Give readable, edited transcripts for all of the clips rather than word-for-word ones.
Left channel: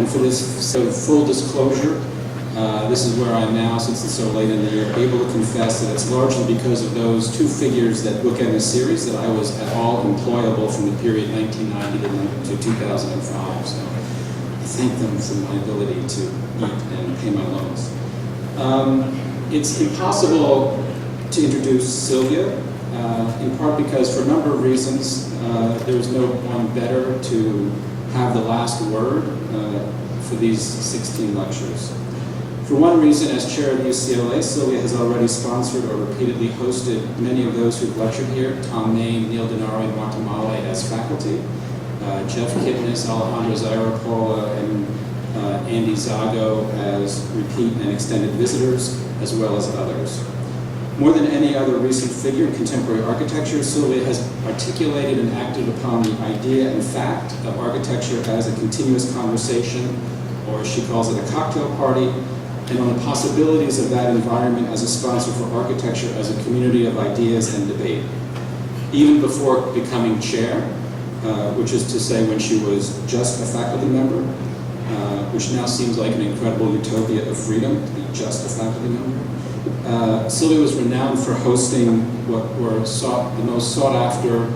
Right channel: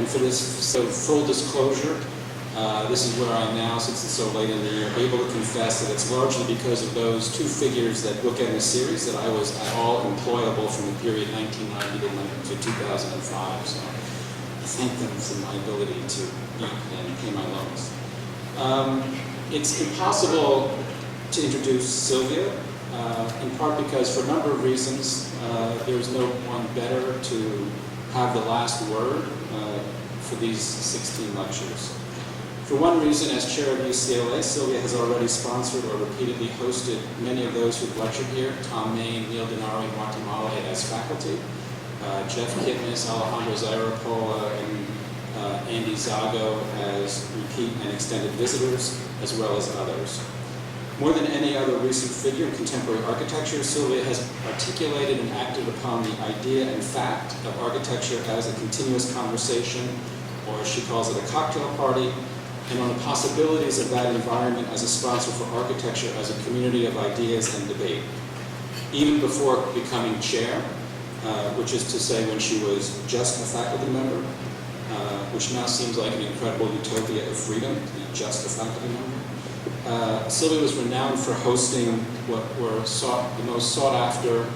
And for this, so full disclosure, this is where I am now, since it's so late in the year, able to confess that it's largely because of those two figures that book in the series that I was at all employable from the period 1990 to 2005. So I thank them for my ability to eat and pay my loans. It's impossible to introduce Sylvia, in part because for a number of reasons, there's no one better to have the last word for these 16 lectures. For one reason, as chair of UCLA, Sylvia has already sponsored or repeatedly hosted many of those who've lectured here: Tom Main, Neil Denari, and Guatemala as faculty, Jeff Kipnis, Alejandro Zairapola, and Andy Zago as repeat and extended visitors, as well as others. More than any other recent figure in contemporary architecture, Sylvia has articulated and acted upon the idea and fact of architecture as a continuous conversation, or as she calls it, a cocktail party, and on the possibilities of that environment as a sponsor for architecture as a community of ideas and debate. Even before becoming chair, which is to say when she was just a faculty member, which now seems like an incredible utopia of freedom, to be just a faculty member. Sylvia was renowned for hosting what were the most sought-after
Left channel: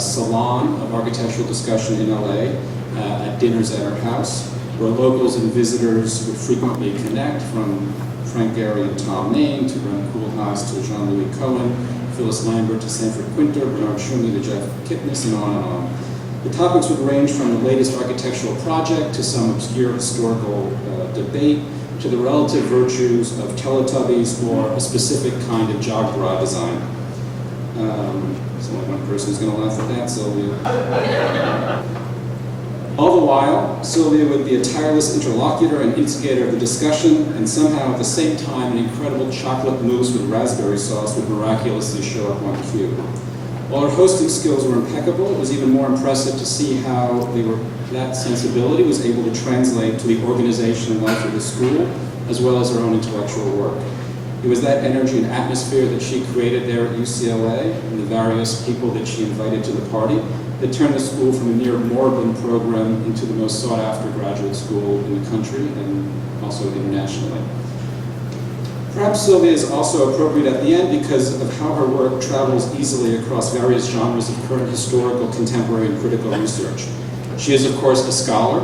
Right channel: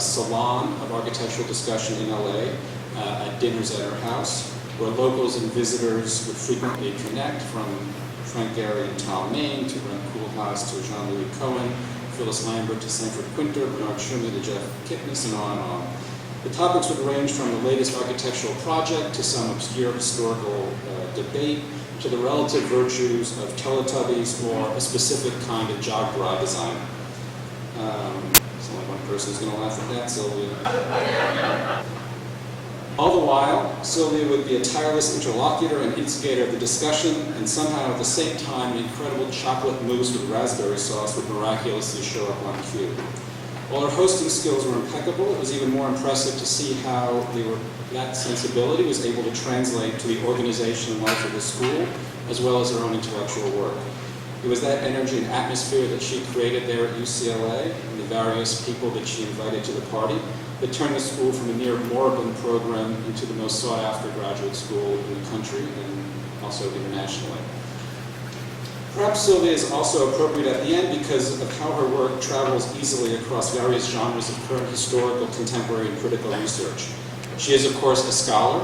salon of architectural discussion in LA at dinners at her house, where locals and visitors would frequently connect, from Frank Gehry and Tom Main to Brent Koolhaas to Jean-Louis Cohen, Phyllis Lambert to Sanford Quinter, Bernard Schumi to Jeff Kipnis, and on and on. The topics would range from the latest architectural project to some obscure historical debate, to the relative virtues of Teletubbies or a specific kind of jog bra design. There's only one person who's going to laugh at that, Sylvia. All the while, Sylvia would be a tireless interlocutor and instigator of the discussion, and somehow at the same time, an incredible chocolate mousse with raspberry sauce would miraculously show up on cue. While her hosting skills were impeccable, it was even more impressive to see how that sensibility was able to translate to the organization and life of the school, as well as her own intellectual work. It was that energy and atmosphere that she created there at UCLA, and the various people that she invited to the party, that turned the school from a near moribund program into the most sought-after graduate school in the country, and also internationally. Perhaps Sylvia is also appropriate at the end because of how her work travels easily across various genres of current historical, contemporary, and critical research. She is, of course, a scholar.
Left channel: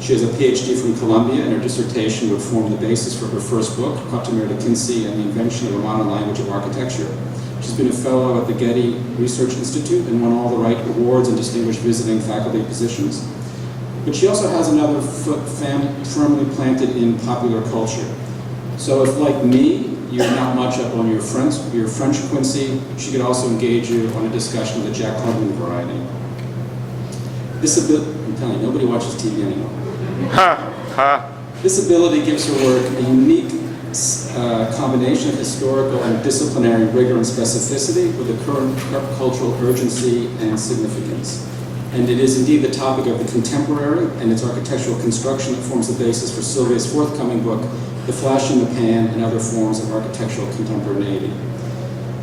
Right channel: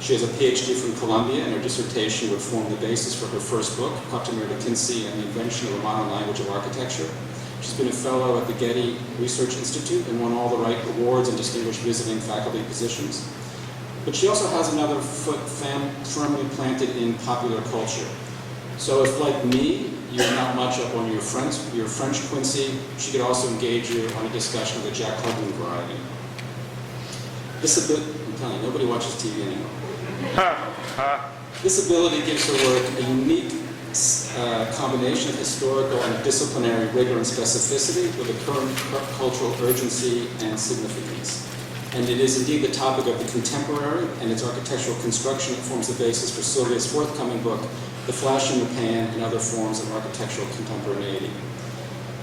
She has a PhD from Columbia, and her dissertation would form the basis for her first book, Coctemire de Quincy and the Invention of the Modern Language of Architecture. She's been a fellow at the Getty Research Institute and won all the right awards and distinguished visiting faculty positions. But she also has another foot firmly planted in popular culture. So if, like me, you're not much up on your French Quincy, she could also engage you on a discussion of the Jack Hugman variety. I'm telling you, nobody watches TV anymore. This ability gives her work a unique combination of historical and disciplinary rigor and specificity with a current cultural urgency and significance. And it is indeed the topic of the contemporary and its architectural construction that forms the basis for Sylvia's forthcoming book, The Flash in the Pan and Other Forms of Architectural Contemporaneity.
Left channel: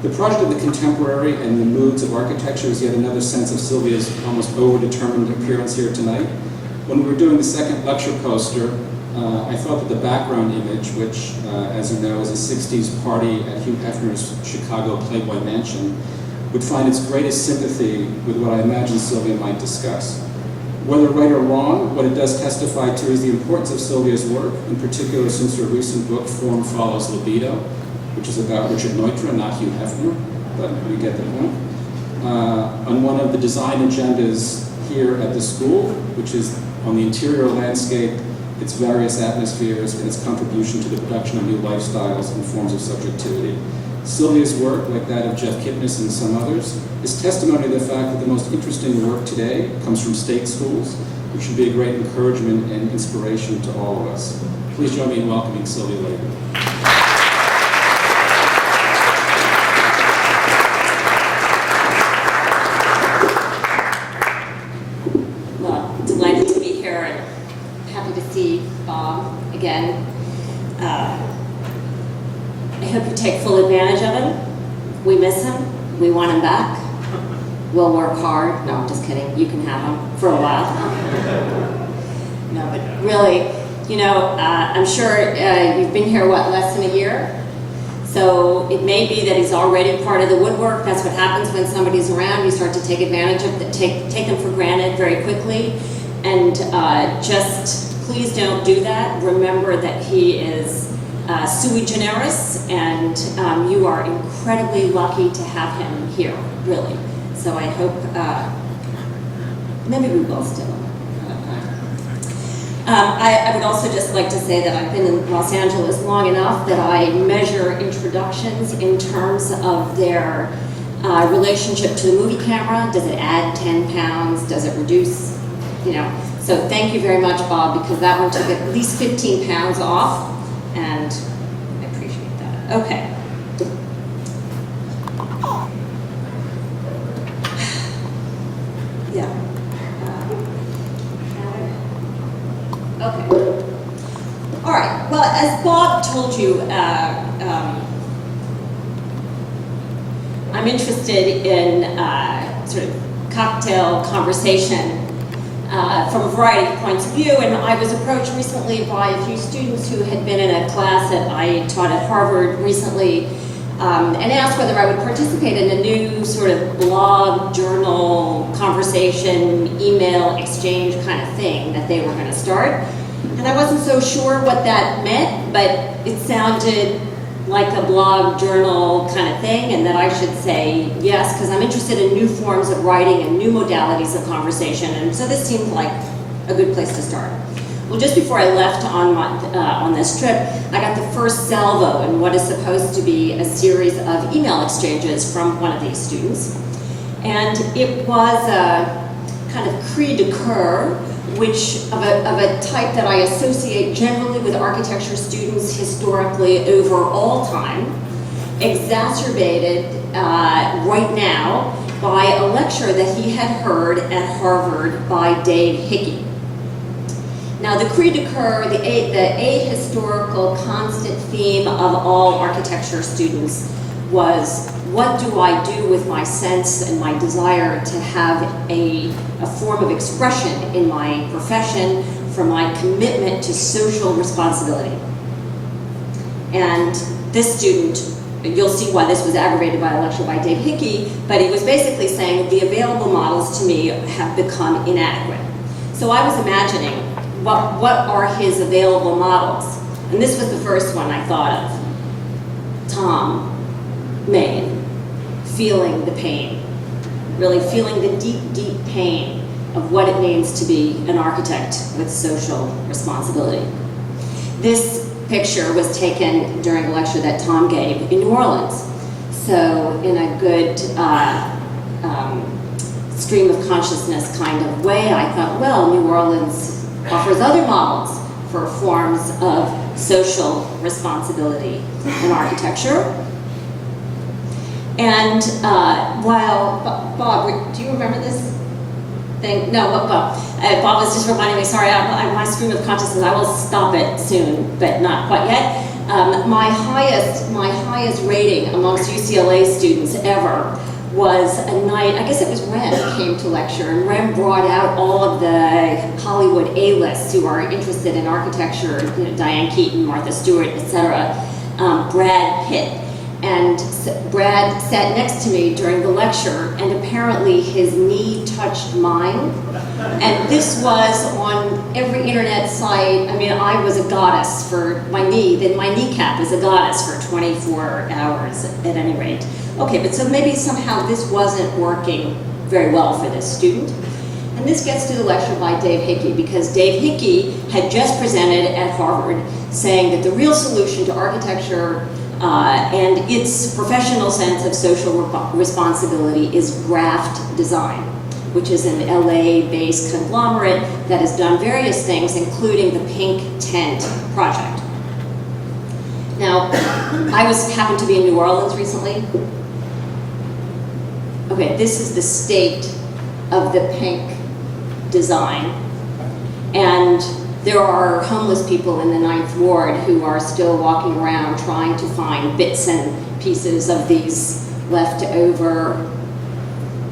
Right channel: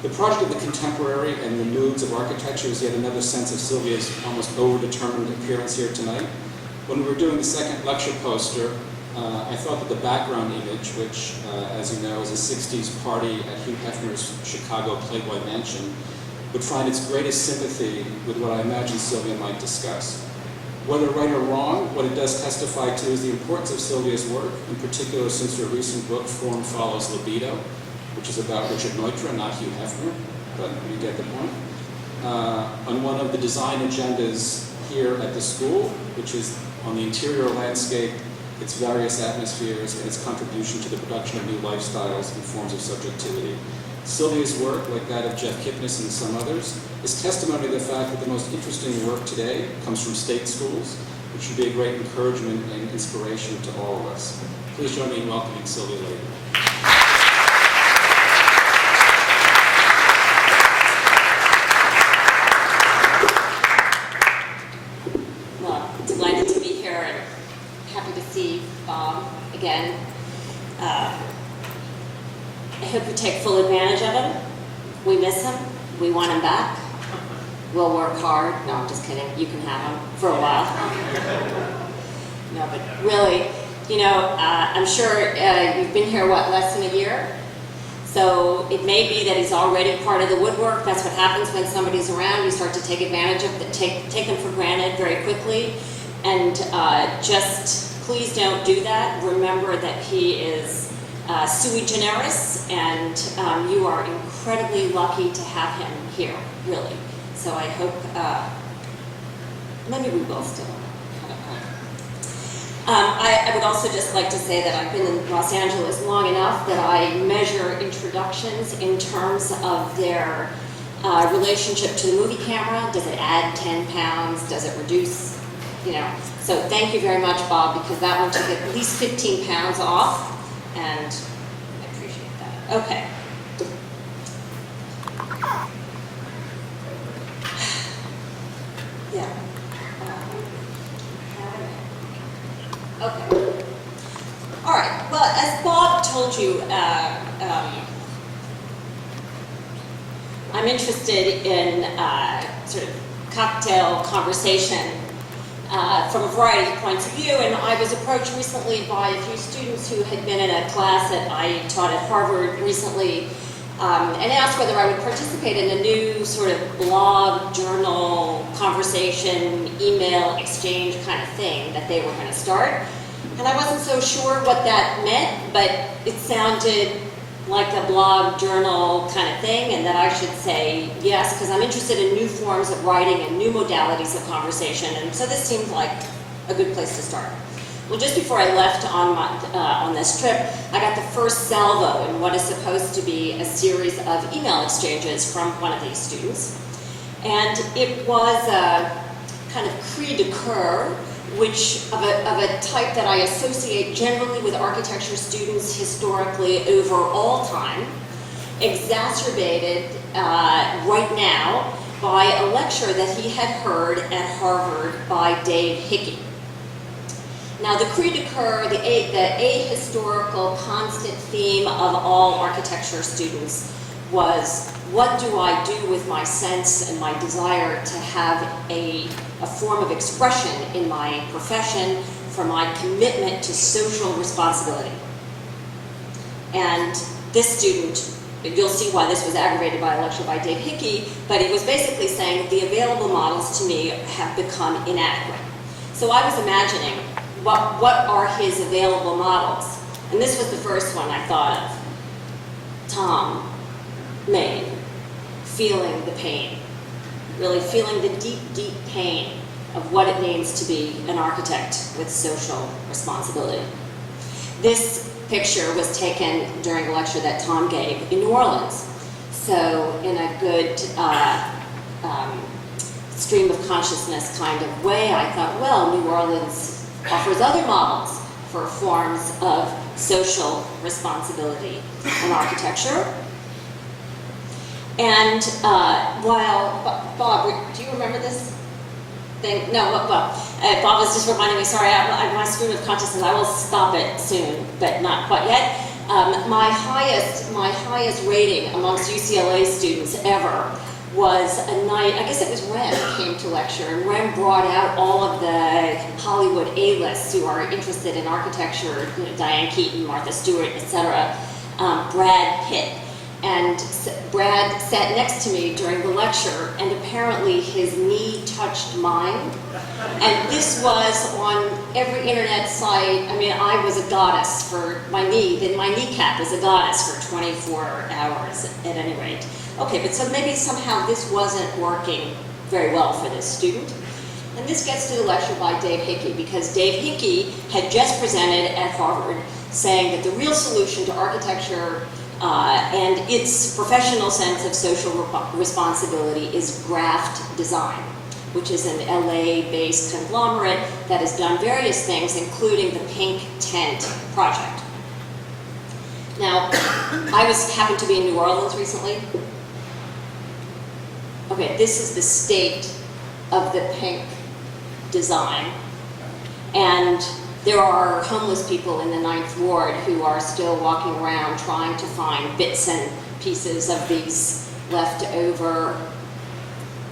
The project of the contemporary and the moods of architecture is yet another sense of Sylvia's almost over-determined appearance here tonight. When we were doing the second lecture poster, I thought that the background image, which, as you know, is a 60s party at Hugh Hefner's Chicago Playboy Mansion, would find its greatest sympathy with what I imagine Sylvia might discuss. Whether right or wrong, what it does testify to is the importance of Sylvia's work, in particular since her recent book, Form Follows Libido, which is about Richard Neutra, not Hugh Hefner, but you get the point, on one of the design agendas here at the school, which is on the interior landscape, its various atmospheres, and its contribution to the production of new lifestyles and forms of subjectivity. Sylvia's work, like that of Jeff Kipnis and some others, is testimony to the fact that the most interesting work today comes from state schools, which should be a great encouragement and inspiration to all of us. Please join me in welcoming Sylvia Lavin. Well, delighted to be here and happy to see Bob again. I hope you take full advantage of him. We miss him. We want him back. We'll work hard. No, I'm just kidding. You can have him for a while. No, but really, you know, I'm sure you've been here, what, less than a year? So it may be that he's already part of the woodwork. That's what happens when somebody's around. You start to take advantage of them, take them for granted very quickly. And just please don't do that. Remember that he is sui generis, and you are incredibly lucky to have him here, really. So I hope, maybe we will still. I would also just like to say that I've been in Los Angeles long enough that I measure introductions in terms of their relationship to the movie camera. Does it add 10 pounds? Does it reduce? You know. So thank you very much, Bob, because that one took at least 15 pounds off, and I appreciate that. Okay. Yeah. Okay. All right. Well, as Bob told you, I'm interested in sort of cocktail conversation from a variety of points of view, and I was approached recently by a few students who had been in a class that I taught at Harvard recently, and asked whether I would participate in a new sort of blog, journal, conversation, email exchange kind of thing that they were going to start. And I wasn't so sure what that meant, but it sounded like a blog, journal kind of thing, and that I should say yes, because I'm interested in new forms of writing and new modalities of conversation, and so this seemed like a good place to start. Well, just before I left on this trip, I got the first salvo in what is supposed to be a series of email exchanges from one of these students. And it was a kind of cri de coeur, which of a type that I associate generally with architecture students historically over all time, exacerbated right now by a lecture that he had heard at Harvard by Dave Hickey. Now, the cri de coeur, the ahistorical constant theme of all architecture students was, what do I do with my sense and my desire to have a form of expression in my profession for my commitment to social responsibility? And this student, you'll see why this was aggravated by a lecture by Dave Hickey, but he was basically saying the available models to me have become inadequate. So I was imagining, what are his available models? And this was the first one I thought of. Tom, Megan, feeling the pain, really feeling the deep, deep pain of what it means to be an architect with social responsibility. This picture was taken during a lecture that Tom gave in New Orleans. So in a good stream of consciousness kind of way, I thought, well, New Orleans offers other models for forms of social responsibility in architecture. And while, Bob, do you remember this thing? No, Bob was just reminding me, sorry, my stream of consciousness, I will stop it soon, but not quite yet. My highest rating amongst UCLA students ever was a night, I guess it was Ren came to lecture, and Ren brought out all of the Hollywood A-lists who are interested in architecture, you know, Diane Keaton, Martha Stewart, etc., Brad Pitt. And Brad sat next to me during the lecture, and apparently his knee touched mine. And this was on every internet site. I mean, I was a goddess for my knee. Then my kneecap is a goddess for 24 hours at any rate. Okay, but so maybe somehow this wasn't working very well for this student. And this gets to the lecture by Dave Hickey, because Dave Hickey had just presented at Harvard saying that the real solution to architecture and its professional sense of social responsibility is Graft Design, which is an LA-based conglomerate that has done various things, including the Pink Tent Project. Now, I happened to be in New Orleans recently. Okay, this is the state of the Pink design. And there are homeless people in the 9th Ward who are still walking around trying to find bits and pieces of these leftover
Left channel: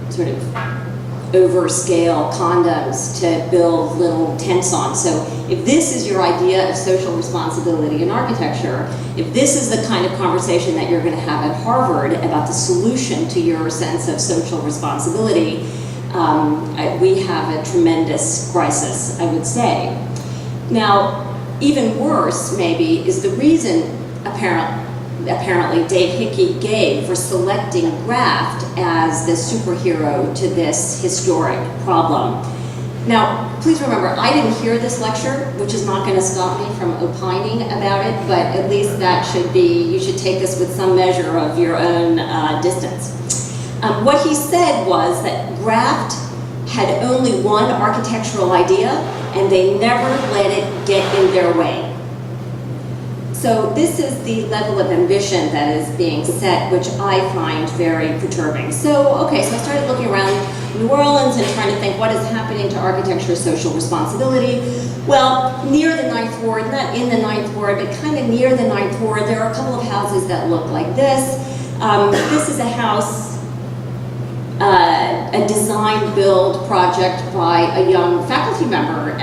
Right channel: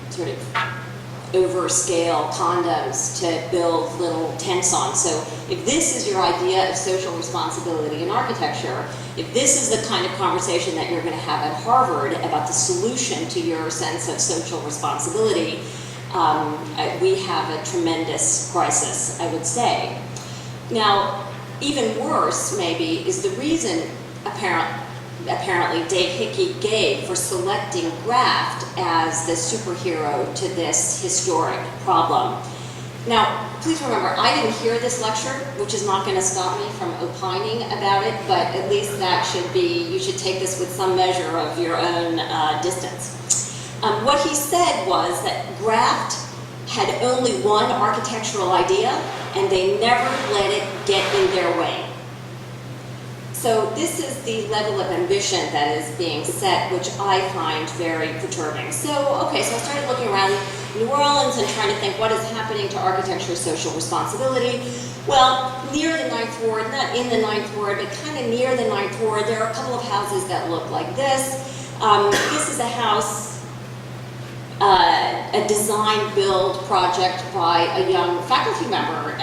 sort of overscale condos to build little tents on. So if this is your idea of social responsibility in architecture, if this is the kind of conversation that you're going to have at Harvard about the solution to your sense of social responsibility, we have a tremendous crisis, I would say. Now, even worse, maybe, is the reason apparently Dave Hickey gave for selecting graft as the superhero to this historic problem. Now, please remember, I didn't hear this lecture, which is not going to stop me from opining about it, but at least that should be, you should take this with some measure of your own distance. What he said was that graft had only one architectural idea, and they never let it get in their way. So this is the level of ambition that is being set, which I find very perturbing. So, okay, so I started looking around New Orleans and trying to think what is happening to architecture's social responsibility. Well, near the Ninth Ward, not in the Ninth Ward, but kind of near the Ninth Ward, there are a couple of houses that look like this. This is a house, a design-build project by a young faculty member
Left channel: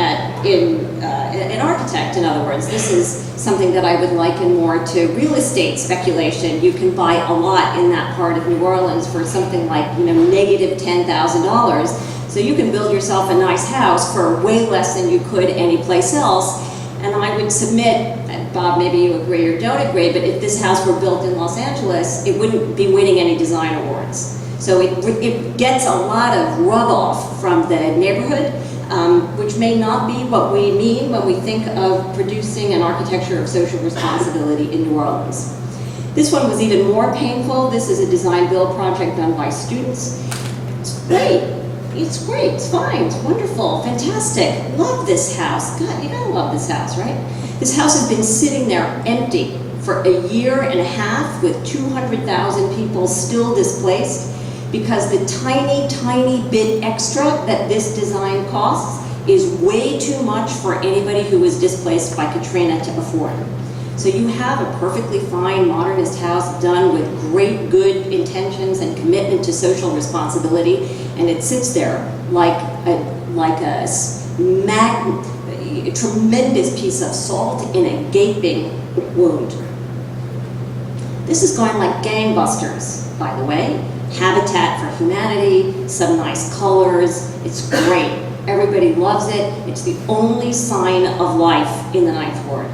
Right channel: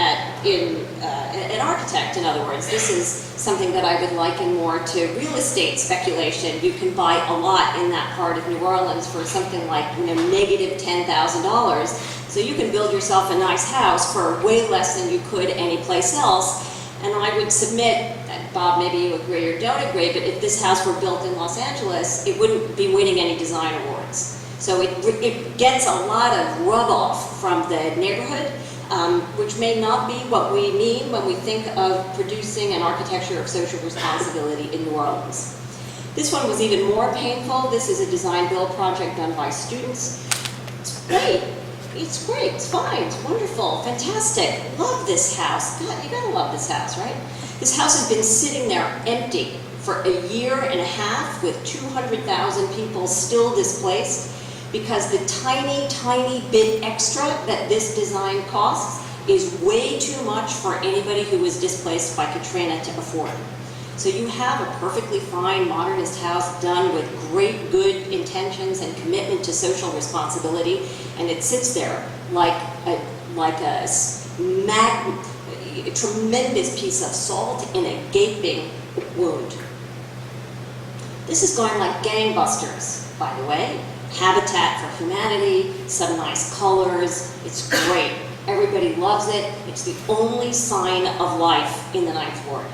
an architect, in other words. This is something that I would liken more to real estate speculation. You can buy a lot in that part of New Orleans for something like, negative $10,000. So you can build yourself a nice house for way less than you could anyplace else. And I would submit, Bob, maybe you agree or don't agree, but if this house were built in Los Angeles, it wouldn't be winning any design awards. So it gets a lot of rub-off from the neighborhood, which may not be what we mean when we think of producing an architecture of social responsibility in New Orleans. This one was even more painful. This is a design-build project done by students. It's great. It's great. It's fine. It's wonderful. Fantastic. Love this house. God, you gotta love this house, right? This house has been sitting there empty for a year and a half with 200,000 people still displaced, because the tiny, tiny bit extra that this design costs is way too much for anybody who was displaced by Katrina to afford. So you have a perfectly fine modernist house done with great good intentions and commitment to social responsibility, and it sits there like a tremendous piece of salt in a gaping wound. This is going like gangbusters, by the way. Habitat for Humanity, some nice colors, it's great. Everybody loves it. It's the only sign of life in the Ninth Ward.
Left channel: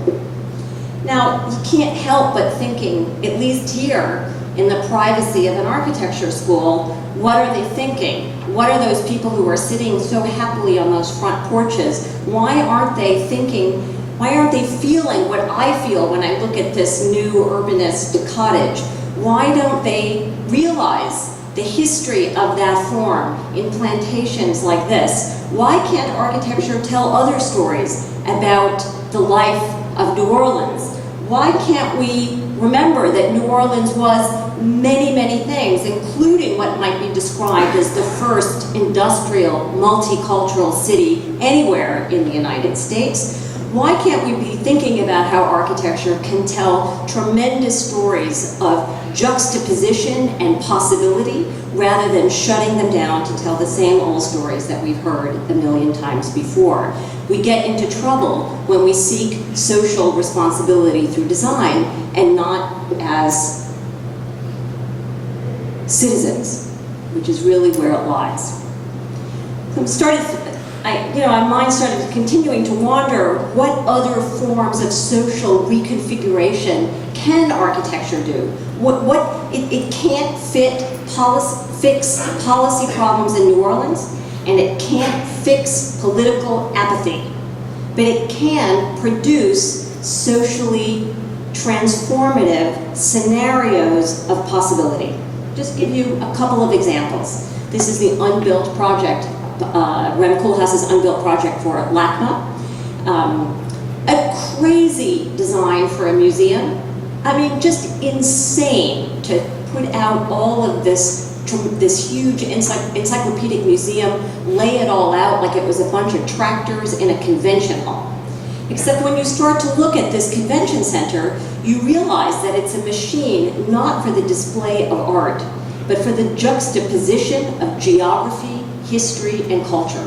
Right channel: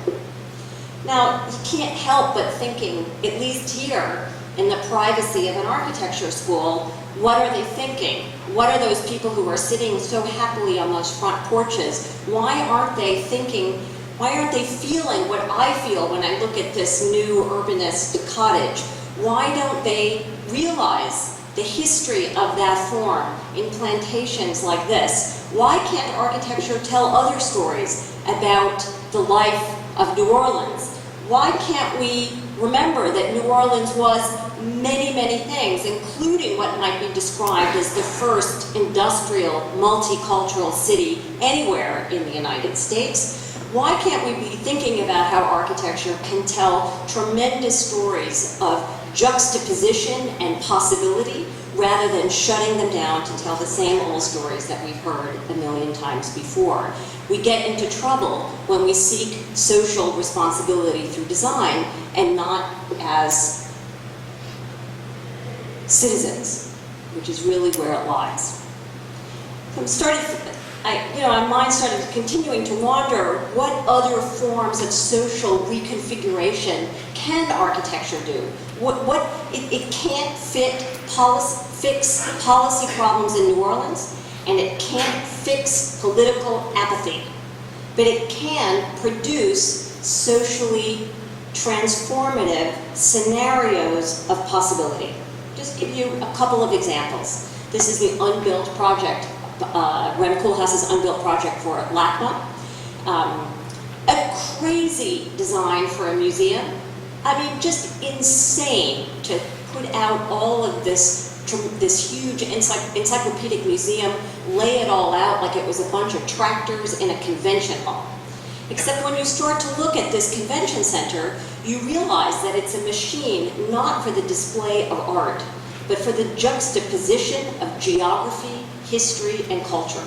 Now, you can't help but thinking, at least here, in the privacy of an architecture school, what are they thinking? What are those people who are sitting so happily on those front porches? Why aren't they thinking, why aren't they feeling what I feel when I look at this new urbanist cottage? Why don't they realize the history of that form in plantations like this? Why can't architecture tell other stories about the life of New Orleans? Why can't we remember that New Orleans was many, many things, including what might be described as the first industrial, multicultural city anywhere in the United States? Why can't we be thinking about how architecture can tell tremendous stories of juxtaposition and possibility, rather than shutting them down to tell the same old stories that we've heard a million times before? We get into trouble when we seek social responsibility through design and not as citizens, which is really where it lies. So my mind started continuing to wander, what other forms of social reconfiguration can architecture do? It can't fix policy problems in New Orleans, and it can't fix political apathy, but it can produce socially transformative scenarios of possibility. Just give you a couple of examples. This is the unbuilt project, Rem Koolhaas's unbuilt project for LACMA. A crazy design for a museum. I mean, just insane to put out all of this huge encyclopedic museum, lay it all out like it was a bunch of tractors in a convention hall. Except when you start to look at this convention center, you realize that it's a machine not for the display of art, but for the juxtaposition of geography, history, and culture.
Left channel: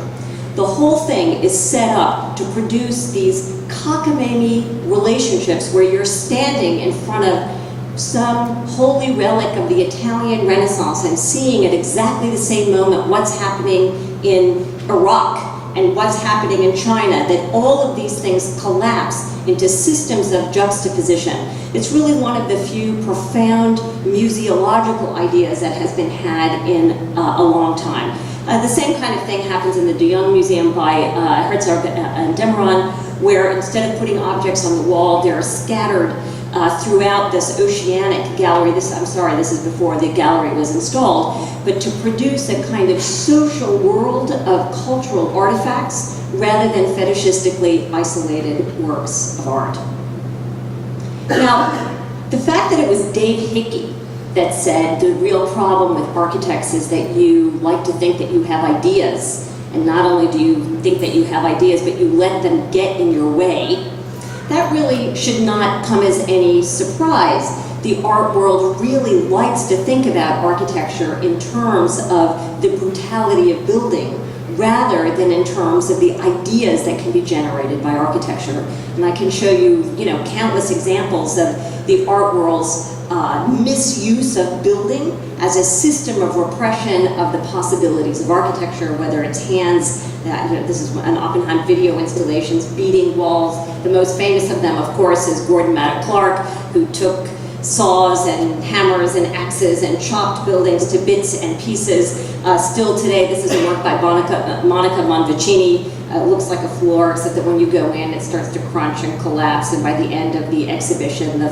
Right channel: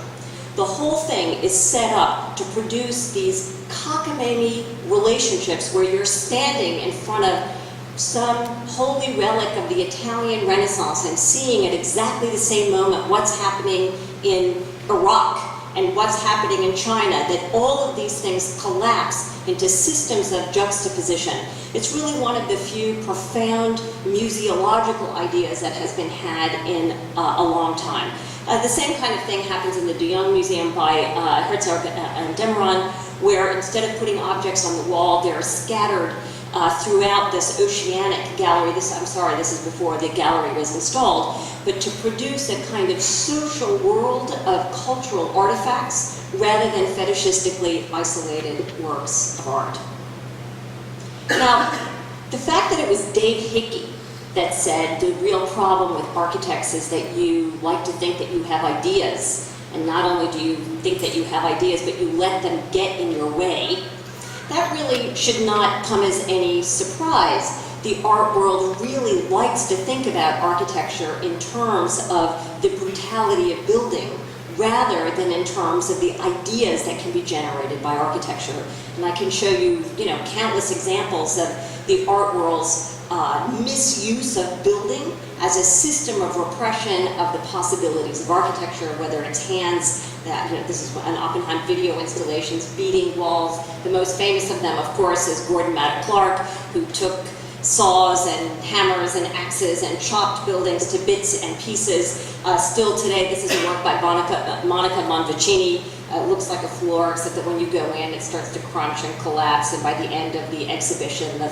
The whole thing is set up to produce these cockamamie relationships where you're standing in front of some holy relic of the Italian Renaissance and seeing at exactly the same moment what's happening in Iraq and what's happening in China, that all of these things collapse into systems of juxtaposition. It's really one of the few profound museological ideas that has been had in a long time. The same kind of thing happens in the De Young Museum by Herzog and Demeron, where instead of putting objects on the wall, they're scattered throughout this oceanic gallery. This is before the gallery was installed, but to produce a kind of social world of cultural artifacts rather than fetishistically isolated works of art. Now, the fact that it was Dave Hickey that said the real problem with architects is that you like to think that you have ideas, and not only do you think that you have ideas, but you let them get in your way, that really should not come as any surprise. The art world really likes to think about architecture in terms of the brutality of building rather than in terms of the ideas that can be generated by architecture. And I can show you, countless examples of the art world's misuse of building as a system of repression of the possibilities of architecture, whether it's hands, this is an Oppenheim video installations, beating walls. The most famous of them, of course, is Gordon Maddox Clark, who took saws and hammers and axes and chopped buildings to bits and pieces. Still today, this is a work by Monica Monvicini. Looks like a floor, except that when you go in, it starts to crunch and collapse, and by the end of the exhibition, the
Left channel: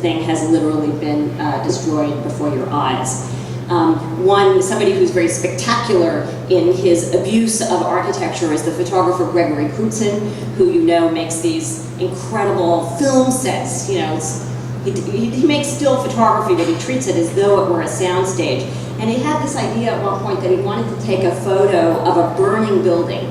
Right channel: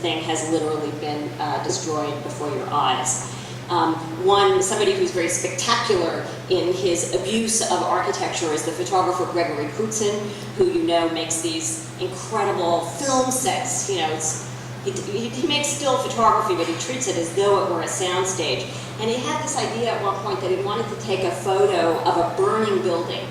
thing has literally been destroyed before your eyes. Somebody who's very spectacular in his abuse of architecture is the photographer Gregory Crutzen, who makes these incredible film sets. He makes still photography, but he treats it as though it were a soundstage. And he had this idea at one point that he wanted to take a photo of a burning building.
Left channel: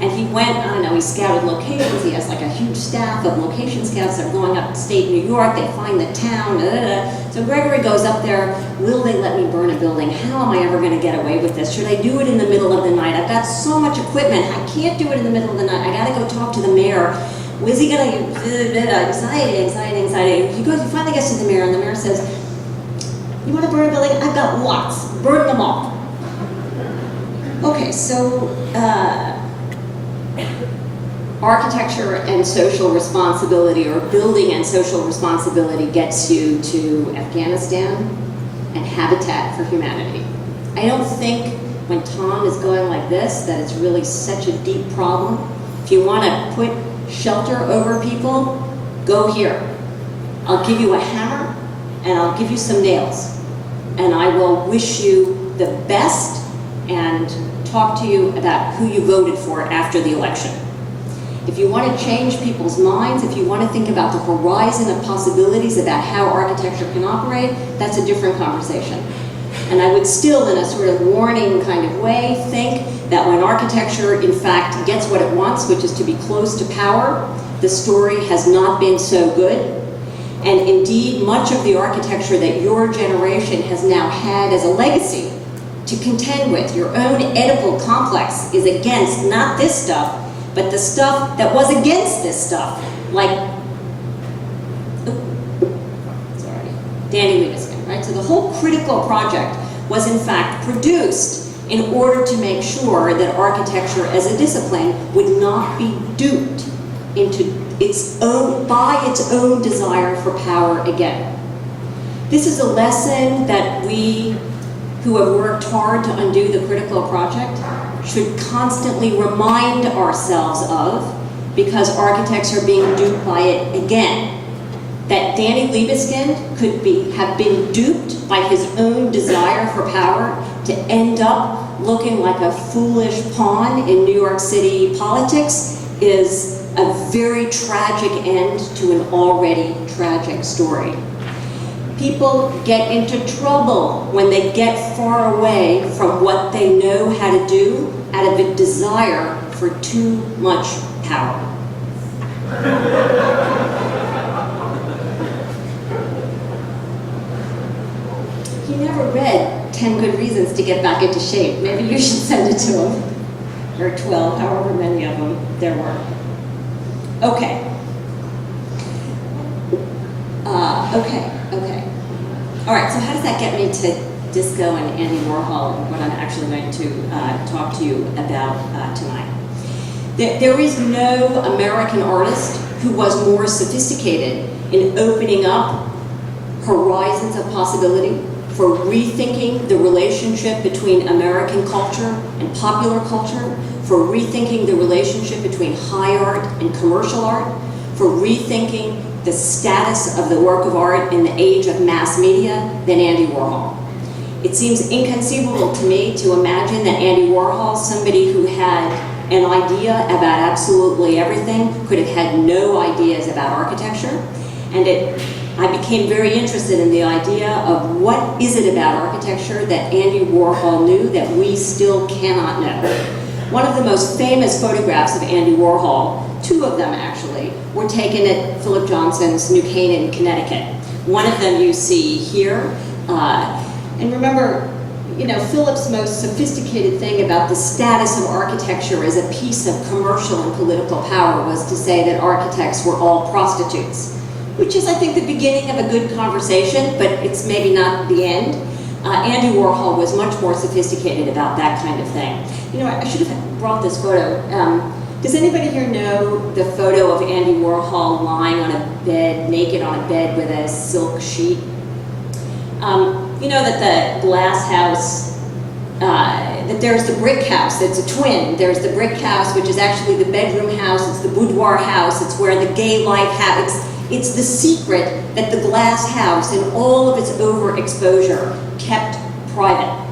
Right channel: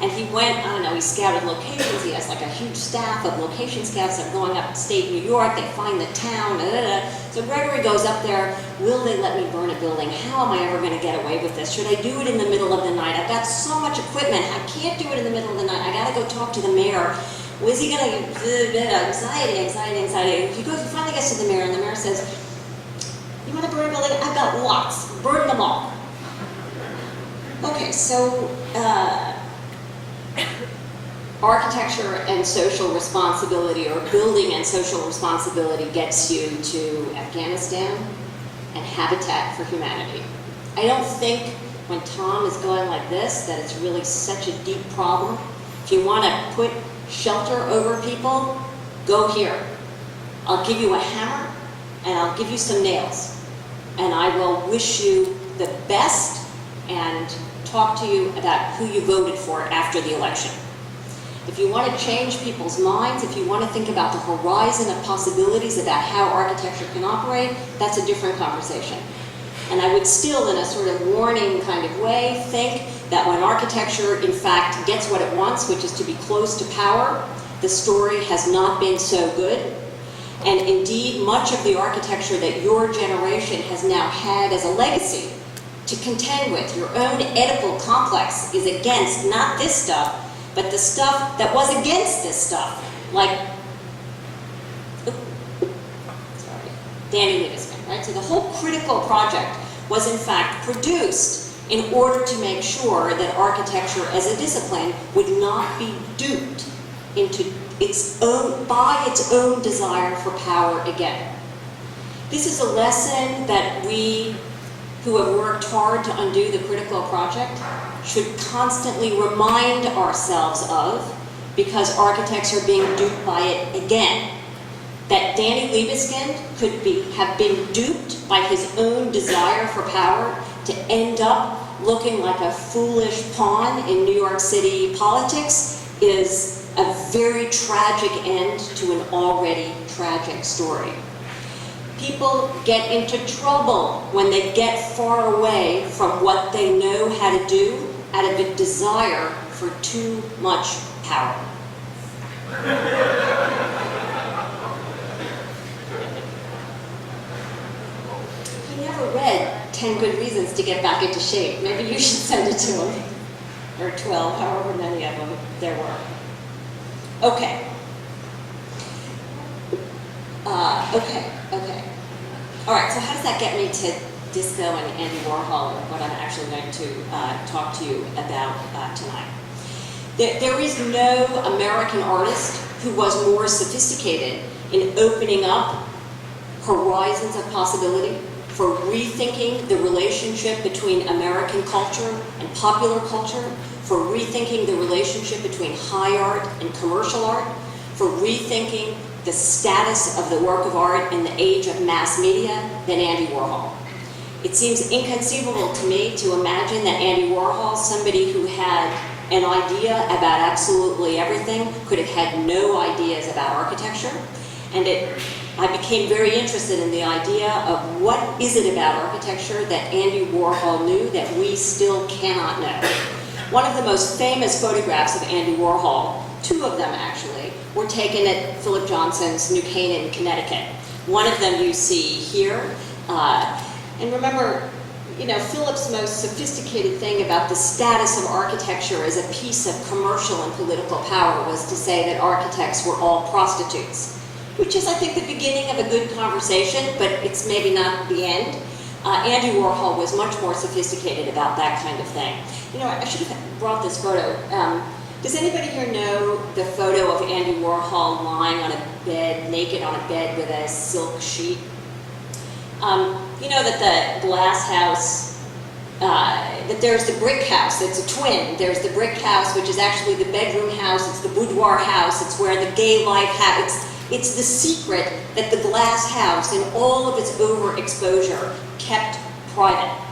And he went, he scouted locations. He has like a huge staff of location scouts that are going upstate New York. They find the town. So Gregory goes up there. Will they let me burn a building? How am I ever going to get away with this? Should I do it in the middle of the night? I've got so much equipment. I can't do it in the middle of the night. I got to go talk to the mayor. Is he going to, anxiety. He finally gets to the mayor, and the mayor says, you want to burn a building? I've got lots. Burn them all. Okay, so architecture and social responsibility, or building and social responsibility, gets you to Afghanistan and Habitat for Humanity. I don't think when Tom is going like this that it's really such a deep problem. If you want to put shelter over people, go here. I'll give you a hammer and I'll give you some nails, and I will wish you the best and talk to you about who you voted for after the election. If you want to change people's minds, if you want to think about the horizon of possibilities about how architecture can operate, that's a different conversation. And I would still, in a sort of warning kind of way, think that when architecture, in fact, gets what it wants, which is to be close to power, the story has not been so good. And indeed, much of the architecture that your generation has now had as a legacy to contend with, your own Oedipal complex, is against not this stuff, but the stuff that was against this stuff, like, Danny Libeskind, right? So the whole critical project was in fact produced in order to make sure that architecture as a discipline would not be duped into by its own desire for power again. This is a lesson that we who have worked hard to undo the critical project should constantly remind ourselves of, because architects are being duped by it again. That Danny Libeskind could have been duped by his own desire for power to end up looking like a foolish pawn in New York City politics is a very tragic end to an already tragic story. People get into trouble when they get far away from what they know how to do out of a desire for too much power. He never read 10 good reasons to get back into shape. Maybe you should send it to him. Or 12, however many of them there were. Okay. Okay. All right, so how does that get me to disco and Andy Warhol and what I'm actually going to talk to you about tonight? There is no American artist who was more sophisticated in opening up horizons of possibility for rethinking the relationship between American culture and popular culture, for rethinking the relationship between high art and commercial art, for rethinking the status of the work of art in the age of mass media than Andy Warhol. It seems inconceivable to me to imagine that Andy Warhol, somebody who had an idea about absolutely everything, could have had no ideas about architecture. And I became very interested in the idea of what is it about architecture that Andy Warhol knew that we still cannot know. One of the most famous photographs of Andy Warhol, two of them actually, were taken at Philip Johnson's New Canaan, Connecticut. One of them you see here. And remember, Philip's most sophisticated thing about the status of architecture as a piece of commercial and political power was to say that architects were all prostitutes, which is, I think, the beginning of a good conversation, but it's maybe not the end. Andy Warhol was much more sophisticated about that kind of thing. I should have brought this photo. Does anybody here know the photo of Andy Warhol lying on a bed, naked on a bed with a silk sheet? You know that the glass house, that there's the brick house, it's a twin. There's the brick house, which is actually the bedroom house, it's the boudoir house, it's where the gay life happens. It's the secret that the glass house, in all of its overexposure, kept private.